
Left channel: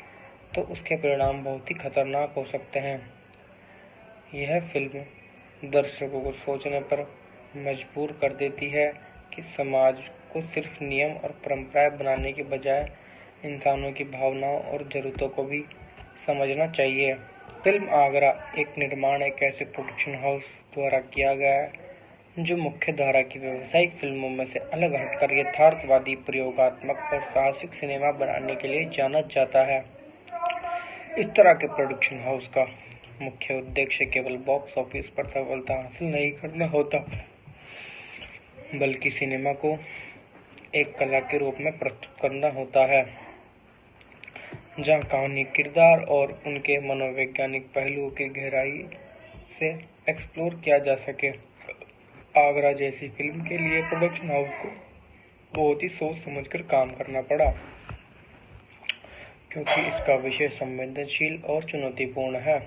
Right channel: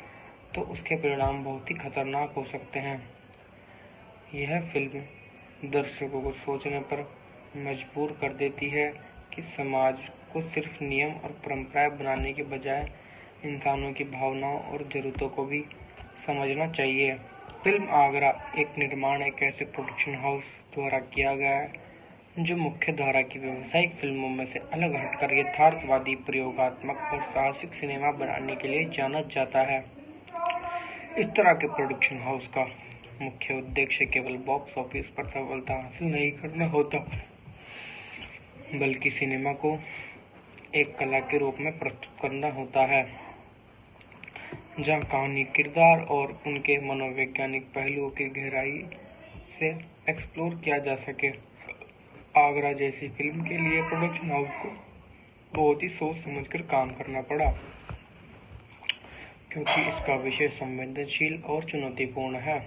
तो उसके परिणाम बहुत ही खतरनाक हो सकते हैं। यह फिल्म दर्शकों को सोचने पर मजबूर कर देती है कि समाज को सिर्फ नियम और परंपराएं बनाने के बजाय इंसानों की भावनाओं और जरूरतों को भी समझना चाहिए। फिल्म आगरा एक निर्माण एक ऐसे प्रोडक्शन हाउस द्वारा किया गया है जो मुख्य धारा की व्यावसायिक फिल्मों में से अलग हटकर यथार्थवादी, प्रयोगात्मक और साहसिक सिनेमा बनाने के लिए जाना जाता है। इस तरह के प्रोडक्शन हाउस का मुख्य उद्देश्य केवल बॉक्स ऑफिस पर सफलता हासिल नहीं करना होता, बल्कि सिनेमा को एक कला के रूप में प्रस्तुत करना होता है, जहां कहानी, किरदार और उनके मनोवैज्ञानिक पहलुओं की गहराई से एक्सप्लोर किया जा सके। आगरा जैसी फिल्म के लिए प्रोडक्शन हाउस को बहुत ही सोच समझकर काम करना पड़ा, क्योंकि इसका विषय संवेदनशील और चुनौतीपूर्ण है।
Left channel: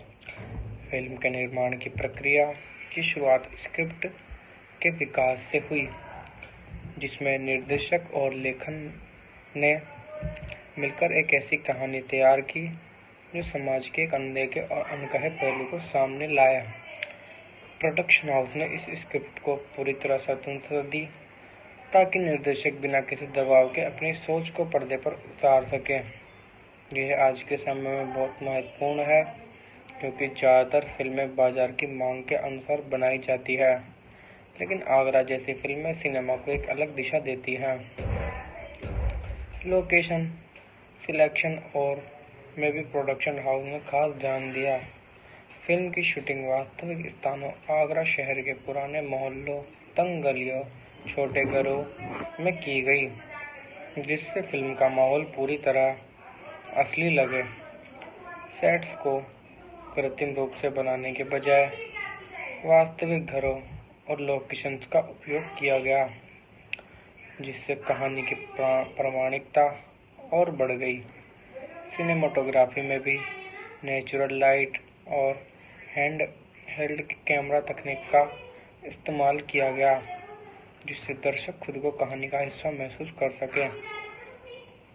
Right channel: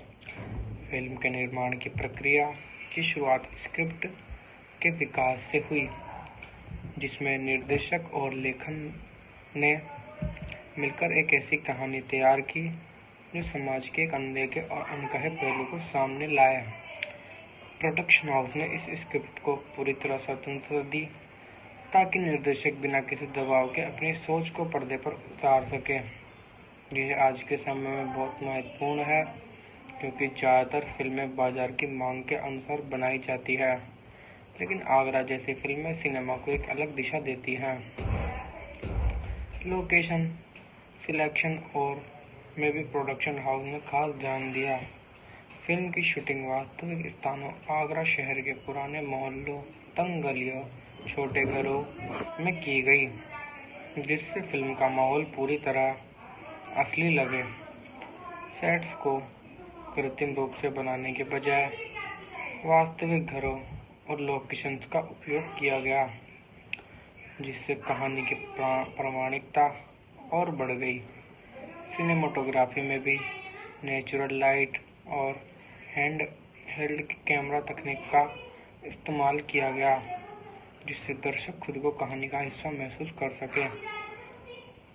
फिल्म के निर्माण की प्रक्रिया की शुरुआत स्क्रिप्ट के विकास से हुई, जिसमें निर्देशक और लेखन ने मिलकर एक ऐसी कहानी तैयार की जो समाज के एक अनदेखे और अनकहे पहलू को सामने लाया। प्रोडक्शन हाउस ने इस स्क्रिप्ट को पूरी तरह स्वतंत्रता दी ताकि निर्देशक बिना किसी दबाव के अपनी सोच को पर्दे पर उतार सके। यह आज के समय में बहुत महत्वपूर्ण है, क्योंकि ज़्यादातर फिल्में बाजार की मांग के अनुसार बनाई जाती है, लेकिन आगरा जैसी फिल्में सिनेमा को एक अलग दिशा देती हैं। लोकेशन सिलेक्शन और में भी प्रोडक्शन हाउस ने खास ध्यान दिया। फिल्म की शूटिंग वास्तविक स्थानों आगरा शहर के पुराने मोहल्लों, तंग गलियों, छोटे घरों में की गई, जिससे फिल्म का माहौल पूरी तरह असली लगे। सेट्स को कृत्रिम रूप से बनाने के बजाय वास्तविक घरों और लोकेशंस का उपयोग किया गया, जिससे कहानी की प्रामाणिकता और बढ़ गई। सिनेमाटोग्राफी में भी नेचुरल लाइट और हैंड हेल्ड कैमरा तकनीक का इस्तेमाल किया गया, जिससे दर्शक खुद को कहानी का हिस्सा महसूस कर सके।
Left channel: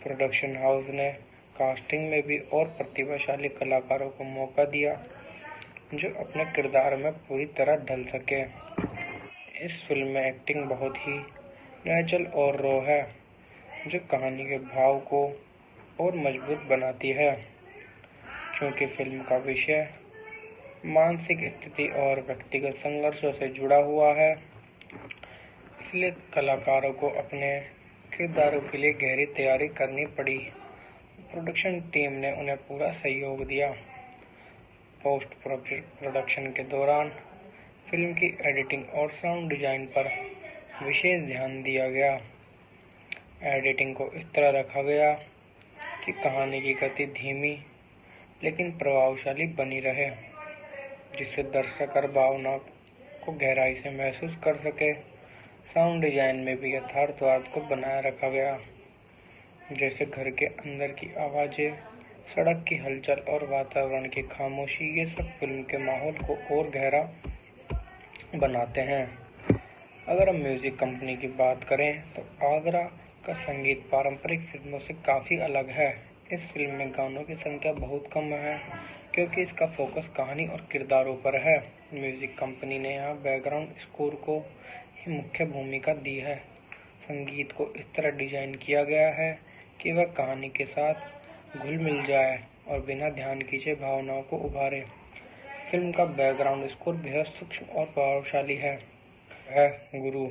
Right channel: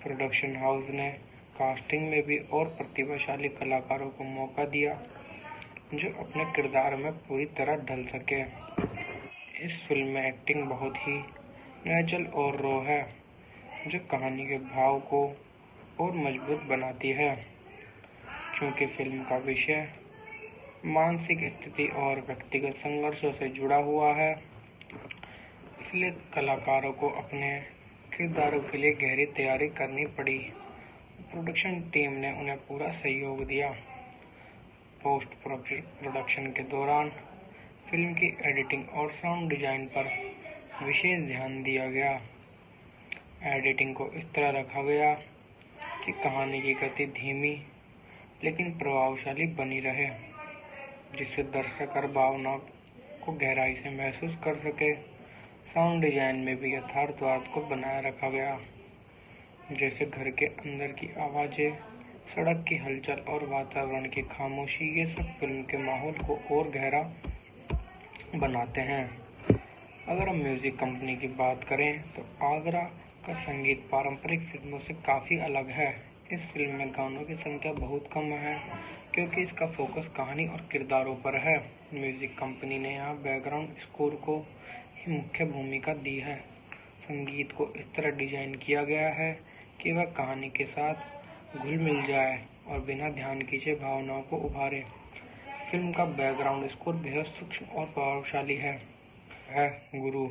प्रोडक्शन हाउस ने कास्टिंग में भी और प्रतिभाशाली कलाकारों को मौका दिया, जो अपने किरदार में पूरी तरह ढल सके। इस फिल्म में एक्टिंग बहुत ही नेचुरल और रॉ है, जो कहानी के भाव को और मजबूत बनाती है। चूँकि फिल्म का विषय मानसिक स्थिति और व्यक्तिगत संघर्षों से जुड़ा हुआ है, इसलिए कलाकारों को अपने किरदारों के लिए गहरी तैयारी करनी पड़ी। प्रोडक्शन टीम ने उन्हें पूरा सहयोग दिया। पोस्ट प्रोडक्शन के दौरान फिल्म की एडिटिंग और साउंड डिजाइन पर विशेष ध्यान दिया गया। एडिटिंग को इस तरह रखा गया कि कहानी की गति धीमी लेकिन प्रभावशाली बनी रहे, जिससे दर्शक हर भावना को गहराई से महसूस कर सके। साउंड डिजाइन में भी यथार्थवाद को बनाए रखा गया, जैसे घर के अंदर की आवाज़ें, सड़क की हलचल और वातावरण की खामोशी। ये सब फिल्म के माहौल को और गहरा बनाते हैं। अगर हम म्यूज़िक कंपनी की बात करें तो आगरा का संगीत पारंपरिक फिल्मों से काफ़ी अलग है। इस फिल्म में गानों की संख्या बहुत कम है, क्योंकि इसका फोकस कहानी और किरदारों पर है। म्यूज़िक कंपनी ने यहाँ बैकग्राउंड स्कोर को ही मुख्य भूमिका दी है। संगीत को इस तरह डिजाइन किया गया है कि वह कहानी के साथ घुल मिल जाए और बिना ध्यान खींचे भावनाओं को उभारे। फिल्म का बैकग्राउंड स्कोर बेहद सूक्ष्म और प्रभावशाली है। गुरु,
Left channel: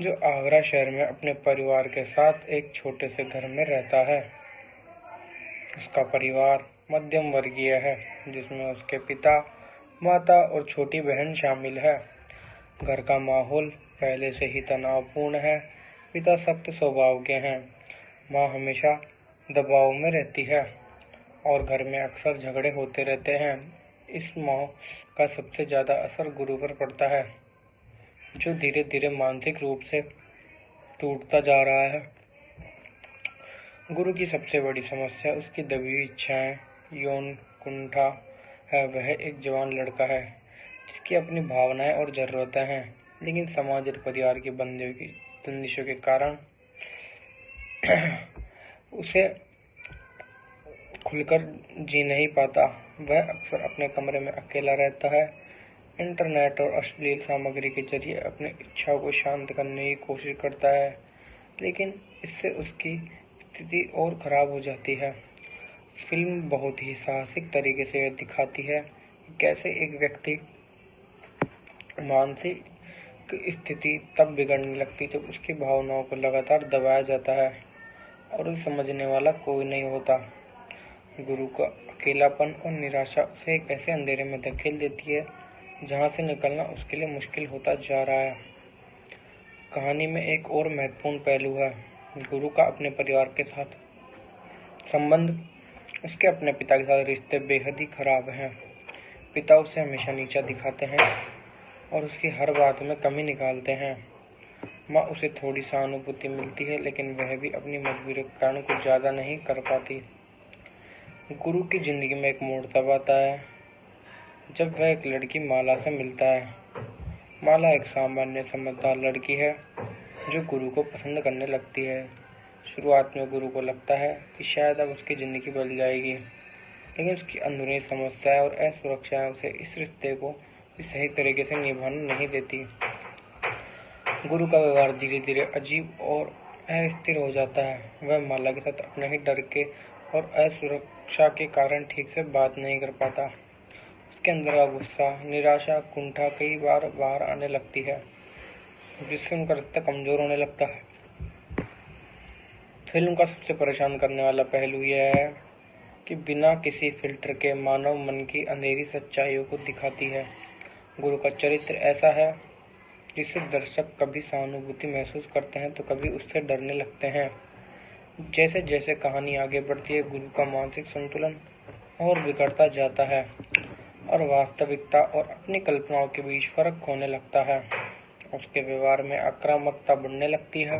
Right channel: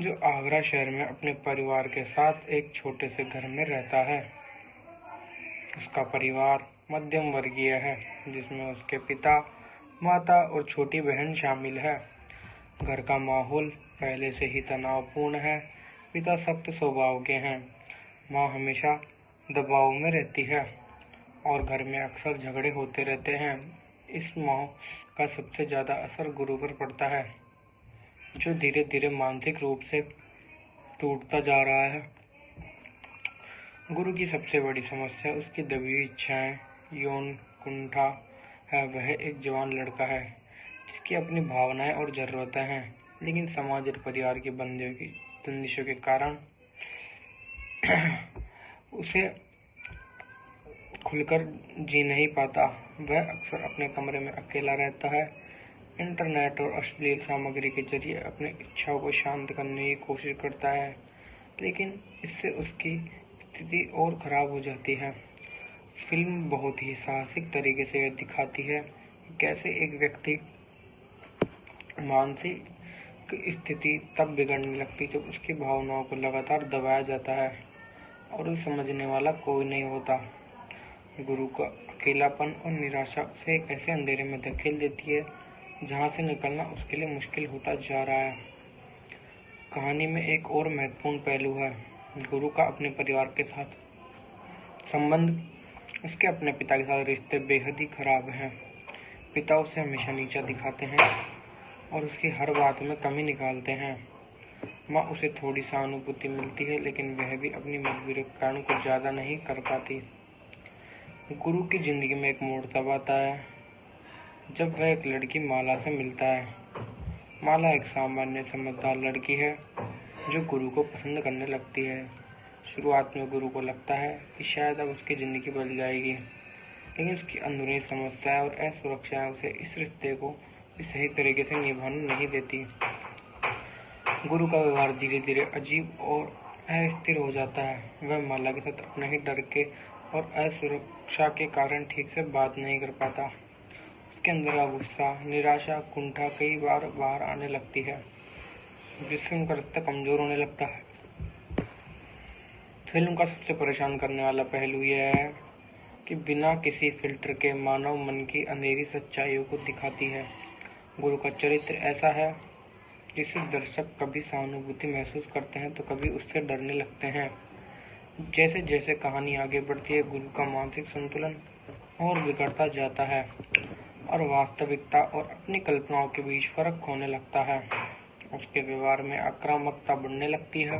जो आगरा शहर में अपने परिवार के साथ एक छोटे से घर में रहता है। उसका परिवार मध्यम वर्गीय है, जिसमें उसके पिता, माता और छोटी बहन शामिल है। घर का माहौल पहले से ही तनावपूर्ण है। पिता सख्त स्वभाव के हैं, माँ हमेशा दबाव में रहती है और घर में अक्सर झगड़े होते रहते हैं। इस माहौल का सबसे ज़्यादा असर गुरु पर पड़ता है, जो धीरे धीरे मानसिक रूप से टूटता जा रहा है। गुरु की सबसे बड़ी समस्या उसकी दबी हुई इच्छाएं, यौन कुंठा है। वह एक जवान लड़का है जिसकी अपनी भावनाएं और ज़रूरतें हैं, लेकिन समाज और परिवार की बंदिशों के कारण उसे खुलकर जी नहीं पाता। वह अक्सर अपने कमरे में अकेला रहता है, इंटरनेट और अश्लील सामग्री के जरिए अपनी इच्छाओं को शांत करने की कोशिश करता है, लेकिन इससे उसकी स्थिति और खराब हो जाती है। फिल्म बहुत ही साहसिक तरीके से यह दिखाती है कि कैसे एक व्यक्ति मानसिक स्थिति तब बिगड़ने लगती जब उसकी भावनाओं को लगातार दबाया जाता है और उसे समझने वाला कोई नहीं होता। गुरु का अकेलापन और निराशा उसे एक ऐसे अंधेरे में धकेल देती है जहां से निकलना उसके लिए मुश्किल होता जा रहा है। कहानी में एक और महत्वपूर्ण पहलू है गुरु का अपने परिवार के साथ संबंध। उसके अपने पिता के साथ रिश्ते बेहद ही खराब हैं। पिता उसे हमेशा नीचा दिखाते हैं और उसकी हर बात में कमी निकालते हैं। माँ उसे थोड़ी सहानुभूति मिलती है, लेकिन वह भी अपनी मजबूरी के कारण कुछ ज़्यादा नहीं कर पाती। गुरु की जिंदगी में एक मोड़ तब आता है जब वह एक लड़की माला से मिलता है। माला एक सामान्य समझदार लड़की है जो गुरु को पसंद करने लगती है। शुरुआत में गुरु को लगता है कि शायद अब उसकी ज़िंदगी बदल जाएगी, लेकिन उसकी अंदरूनी समस्याएं और असुरक्षाएं उसे इस रिश्ते को भी सही तरीके से निभाने नहीं देती। गुरु का व्यवहार धीरे धीरे अजीब और अस्थिर हो जाता है। वह माला के साथ अपने ही डर के और असुरक्षा के कारण ठीक से बात नहीं कर पाता। उसके अंदर का गुस्सा, निराशा, कुंठा कई बार बाहर आने लगती है, जिससे उनका रिश्ता कमजोर होने लगता है। फिल्म का सबसे परेशान करने वाला पहलू यह है कि बिना किसी फिल्टर के मानव मन की अंधेरी सच्चाइयों को दिखाती है। गुरु का चरित्र ऐसा है जिससे दर्शक कभी सहानुभूति महसूस करते हैं तो कभी उससे डरने लगते हैं। जैसे जैसे कहानी आगे बढ़ती है, गुरु का मानसिक संतुलन और बिगड़ता जाता है और वास्तविकता और अपनी कल्पनाओं के बीच फर्क होने लगता है। उसके व्यवहार में आक्रामकता बढ़ने लगती है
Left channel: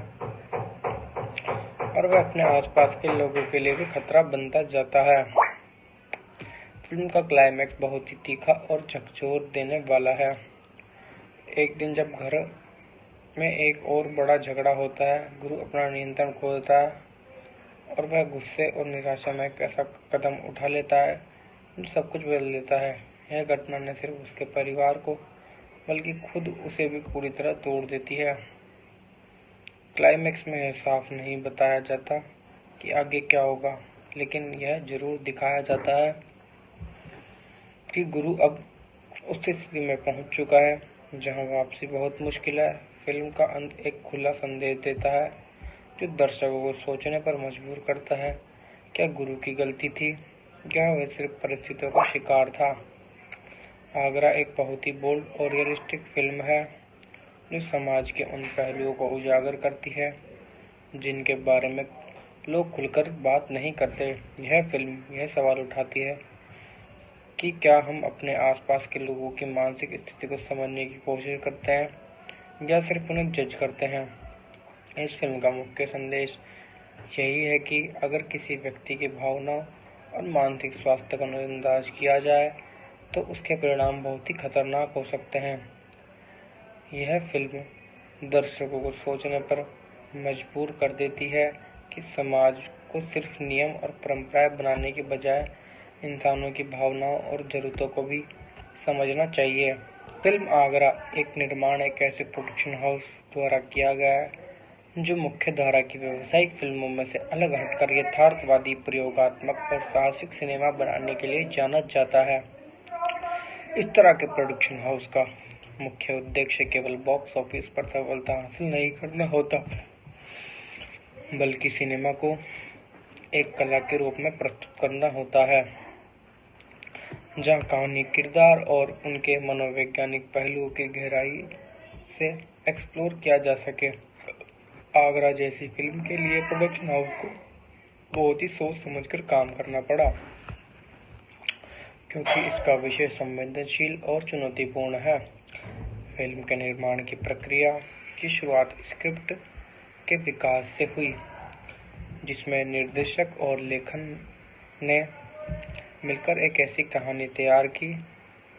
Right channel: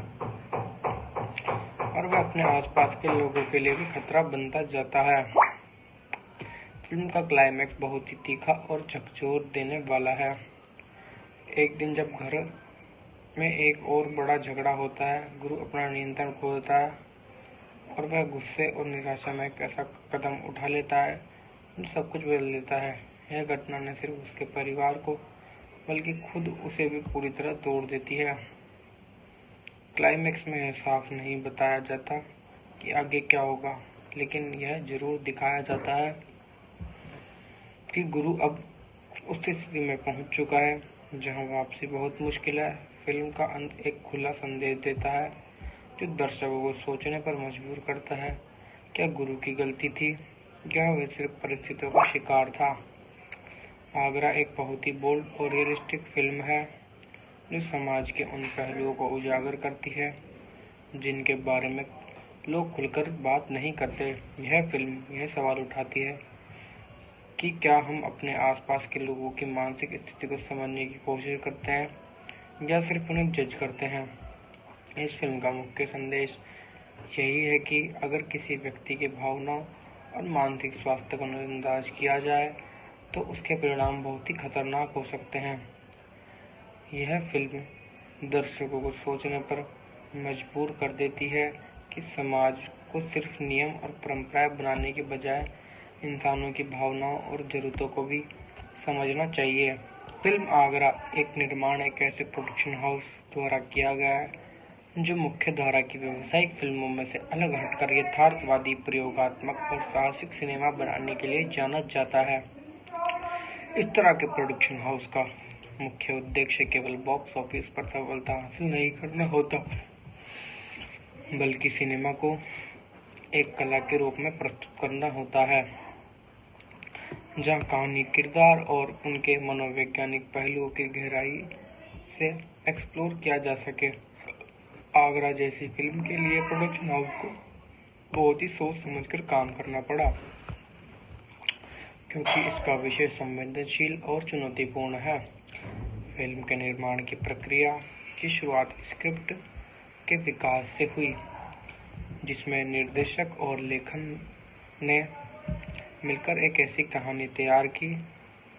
और वह अपने आसपास के लोगों के लिए भी खतरा बनता जाता है। फिल्म का क्लाइमैक्स बहुत ही तीखा और झकझोर देने वाला है। एक दिन जब घर में एक और बड़ा झगड़ा होता है, गुरु अपना नियंत्रण खो देता है और वह गुस्से और निराशा में एक ऐसा कदम उठा लेता है जो सब कुछ बदल देता है। यह घटना न सिर्फ उसके परिवार को बल्कि खुद उसे भी पूरी तरह तोड़ देती है। क्लाइमैक्स में यह साफ नहीं बताया जाता कि आगे क्या होगा, लेकिन यह जरूर दिखाया जाता है कि गुरु अब उस स्थिति में पहुंच चुका है जहां वापसी बहुत मुश्किल है। फिल्म का अंत एक खुला संदेश देता है जो दर्शकों को सोचने पर मजबूर करता है। क्या गुरु की गलती थी या वह सिर्फ परिस्थितियों का शिकार था? आगरा एक बहुत ही बोल्ड और रियलिस्टिक फिल्म है जो समाज के उन पहलुओं को उजागर करती है जिनके बारे में लोग खुलकर बात नहीं करते। यह फिल्म यह सवाल उठाती है कि क्या हम अपने आसपास के लोगों की मानसिक स्थिति को समझने की कोशिश करते हैं या सिर्फ उन्हें जज करते हैं। इस फिल्म का मुख्य संदेश यही है कि अगर किसी व्यक्ति की भावनाओं और मानसिक स्वास्थ्य को नजरअंदाज किया जाए तो उसके परिणाम बहुत ही खतरनाक हो सकते हैं। यह फिल्म दर्शकों को सोचने पर मजबूर कर देती है कि समाज को सिर्फ नियम और परंपराएं बनाने के बजाय इंसानों की भावनाओं और ज़रूरतों को भी समझना चाहिए। फिल्म आगरा एक निर्माण एक ऐसे प्रोडक्शन हाउस द्वारा किया गया है जो मुख्य धारा की व्यावसायिक फिल्मों में से अलग हटकर यथार्थवादी, प्रयोगात्मक और साहसिक सिनेमा बनाने के लिए जाना जाता है। इस तरह के प्रोडक्शन हाउस का मुख्य उद्देश्य केवल बॉक्स ऑफिस पर सफलता हासिल नहीं करना होता, बल्कि सिनेमा को एक कला के रूप में प्रस्तुत करना होता है जहां कहानी, किरदार और उनके मनोवैज्ञानिक पहलुओं की गहराई से एक्सप्लोर किया जा सके। आगरा जैसी फिल्म के लिए प्रोडक्शन हाउस को बहुत ही सोच समझकर काम करना पड़ा, क्योंकि इसका विषय संवेदनशील और चुनौतीपूर्ण है। फिल्म के निर्माण की प्रक्रिया की शुरुआत स्क्रिप्ट के विकास से हुई, जिसमें निर्देशक और लेखन ने मिलकर एक ऐसी कहानी तैयार की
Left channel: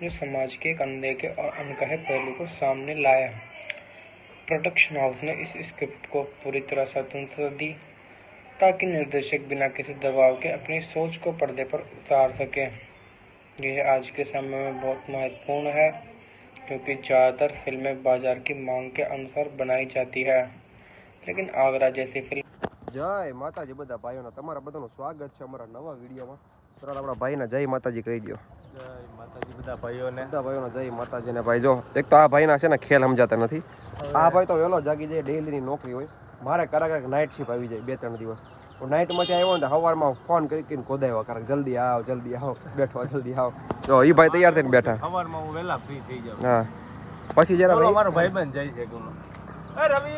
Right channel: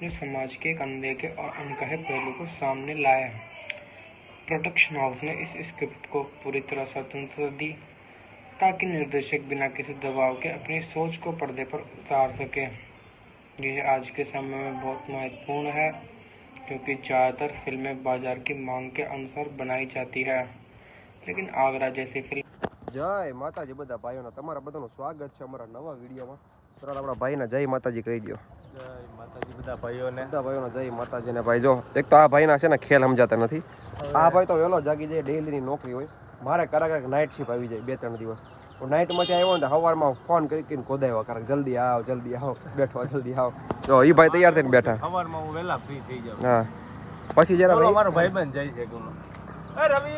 जो समाज के एक अनदेखे और अनकहे पहलू को सामने लाया। प्रोडक्शन हाउस ने इस स्क्रिप्ट को पूरी तरह स्वतंत्रता दी ताकि निर्देशक बिना किसी दबाव के अपनी सोच को पर्दे पर उतार सके। यह आज के समय में बहुत महत्वपूर्ण है क्योंकि ज़्यादातर फिल्में बाजार की मांग के अनुसार बनाई जाती है, लेकिन आगरा जैसी फिल्म। जय माताजी बधा भाईओ तमारा बधाનું સ્વાગત છે અમારા નવા વિડીયોમાં। તો આપણા ભાઈને જય માતાજી કહી દો। જય માતાજી બધા ભાઈઓને જય માતાજીને ભાઈ। જો એક તો આ ભાઈના છે ને ખેલ સમજાતા નથી। આ ભાઈ તો વહેલો જાગી જાય, ડેલીની નોકરી હોય, મારે કરાક નાઇટ શિફ્ટ આવી જાય 2-3 દિવસ, નાઇટમાંથી આવ્યો ને સવારમાં ફોન કરીને કોદાવ્યો કારણ જલ્દી આવ બેઠો જલ્દી આવ જો એ ભાઈ તૈયાર થઈને બેઠા સવારમાં હું વહેલા ફ્રી થઈ જાઉં. હા પછી જરા બોલો, ભાઈ મારો ભાઈબંધ જાય છે ગુનો. એ રવિ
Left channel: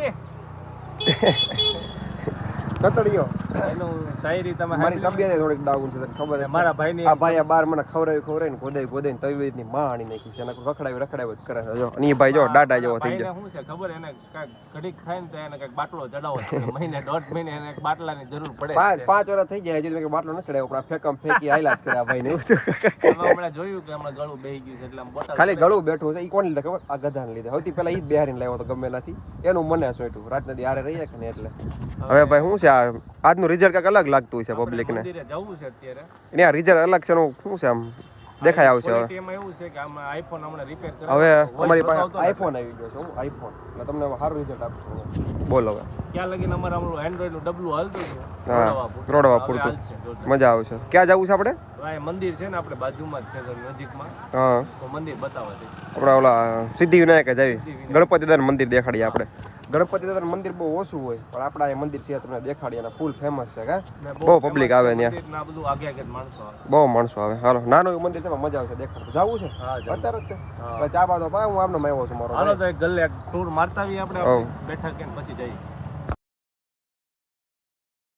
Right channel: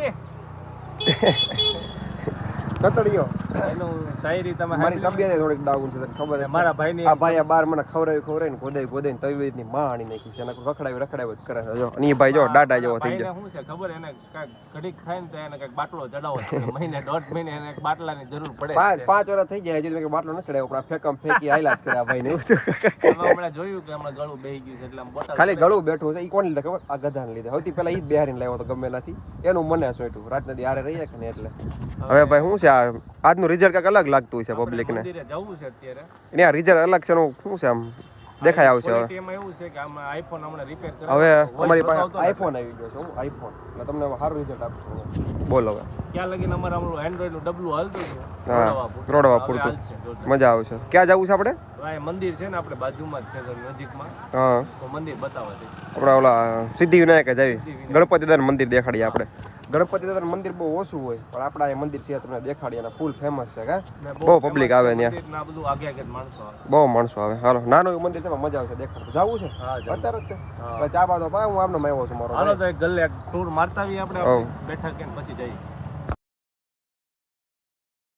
કતડીયો એનું શાયરી તમે મારી તબિયત થોડીક ડાઉન છે તને ખબર છે મારા ભાઈની આ ભાઈ આ બાર મને ખવડાવીને કોદાઈને તબિયતની માણી નાખી છે એને રખડાવી જ કરે છે જો અને એ ભાઈ જો દાડા જેવો થઈ ભાઈને જાય શું છે ખબર એને કાંઈક ઘડીક થાય ને તો એને કાંઈક બાટલો ચડાવો છે. મહિને 1.5 મહિને એને એક બાટલાની જરૂર પડે છે. પાંચ વર્ષ થઈ જાય હજી તો બાટલો ન ચડાવ્યો પણ આ ફેંકમ ફેંકી હાઈલાજ કરે આ ભાઈને એમાં હમણાં જોયું કે હમણાં ગળું બેહી ગયું છે એટલે આમ બોટલ ખાલી ગળું બેઠું છે એ કોણ લીધે ખબર આ ગધાને લીધે સૌથી પહેલા ઈ જ બિહારીને લાવ્યો તો ગમે નથી એનું મને સોંટ્યું રાત નદી હારે રહીએ કે ને એટલે હવે ભાઈ શું છે આ આજનું રિઝલ્ટ કાંઈક અલગ લાગતું છે પબ્લિક ને મંદિરે જવું છે અત્યારે. એને આ રિઝલ્ટ અલગ છે એનું શું છે આમ દેખાય આવશે હવે Quality એમાં એવું છે કે આમાં આઈફોન હમણાં રિપેર કરે હવે voice અમારી પાસે બતાવતો નથી. આઈફોન આવી ગયો છે હું આઈફોન એટલે તમને હવે સારું રિઝલ્ટ આપશું બોલો હવે ક્યાં લગીને અમારે હમણાં એન્ડ્રોઈડ નું ડબલું હાલતું હતું. હા રોડવા હવે પૂરતું હાલશે જોરદાર. મજા આવશે ક્યાં જવું છે આપણે તો આ મંદિર છે ને આપણે બાજુમાં જ છે તો નજીકમાં હા તો મંદિર બતાવે છે. આપણા ઓલા સિદ્ધિવિનાયક જ આવી ગણપતિ દાદાનું મંદિર દેખાડીએ આપણે ગણપતિ દાદાનું મંદિર બહુ ઓછું હોય પણ આપણા એ મંદિર છે તમને દેખાડીએ અને ફૂલ ફેમસ છે કા ને બહુ public આવે famous ત્યાં. મંદિરના બધું આગે આગે જ માણસો આવે. બહુ માણસો આવે હાલો નાનું એવું મંદિર છે પણ મજા આવશે દેખાડું જવું છે હા, જવું. અત્યારે જ છે ભાઈ ચા બાતો પાય હું આમનો આવ્યો છું મારો હાલો તો એક ગલ્લે એક ટૂર મારતા આવીએ આપણે હવ. બેઠા કે પછી જઈએ.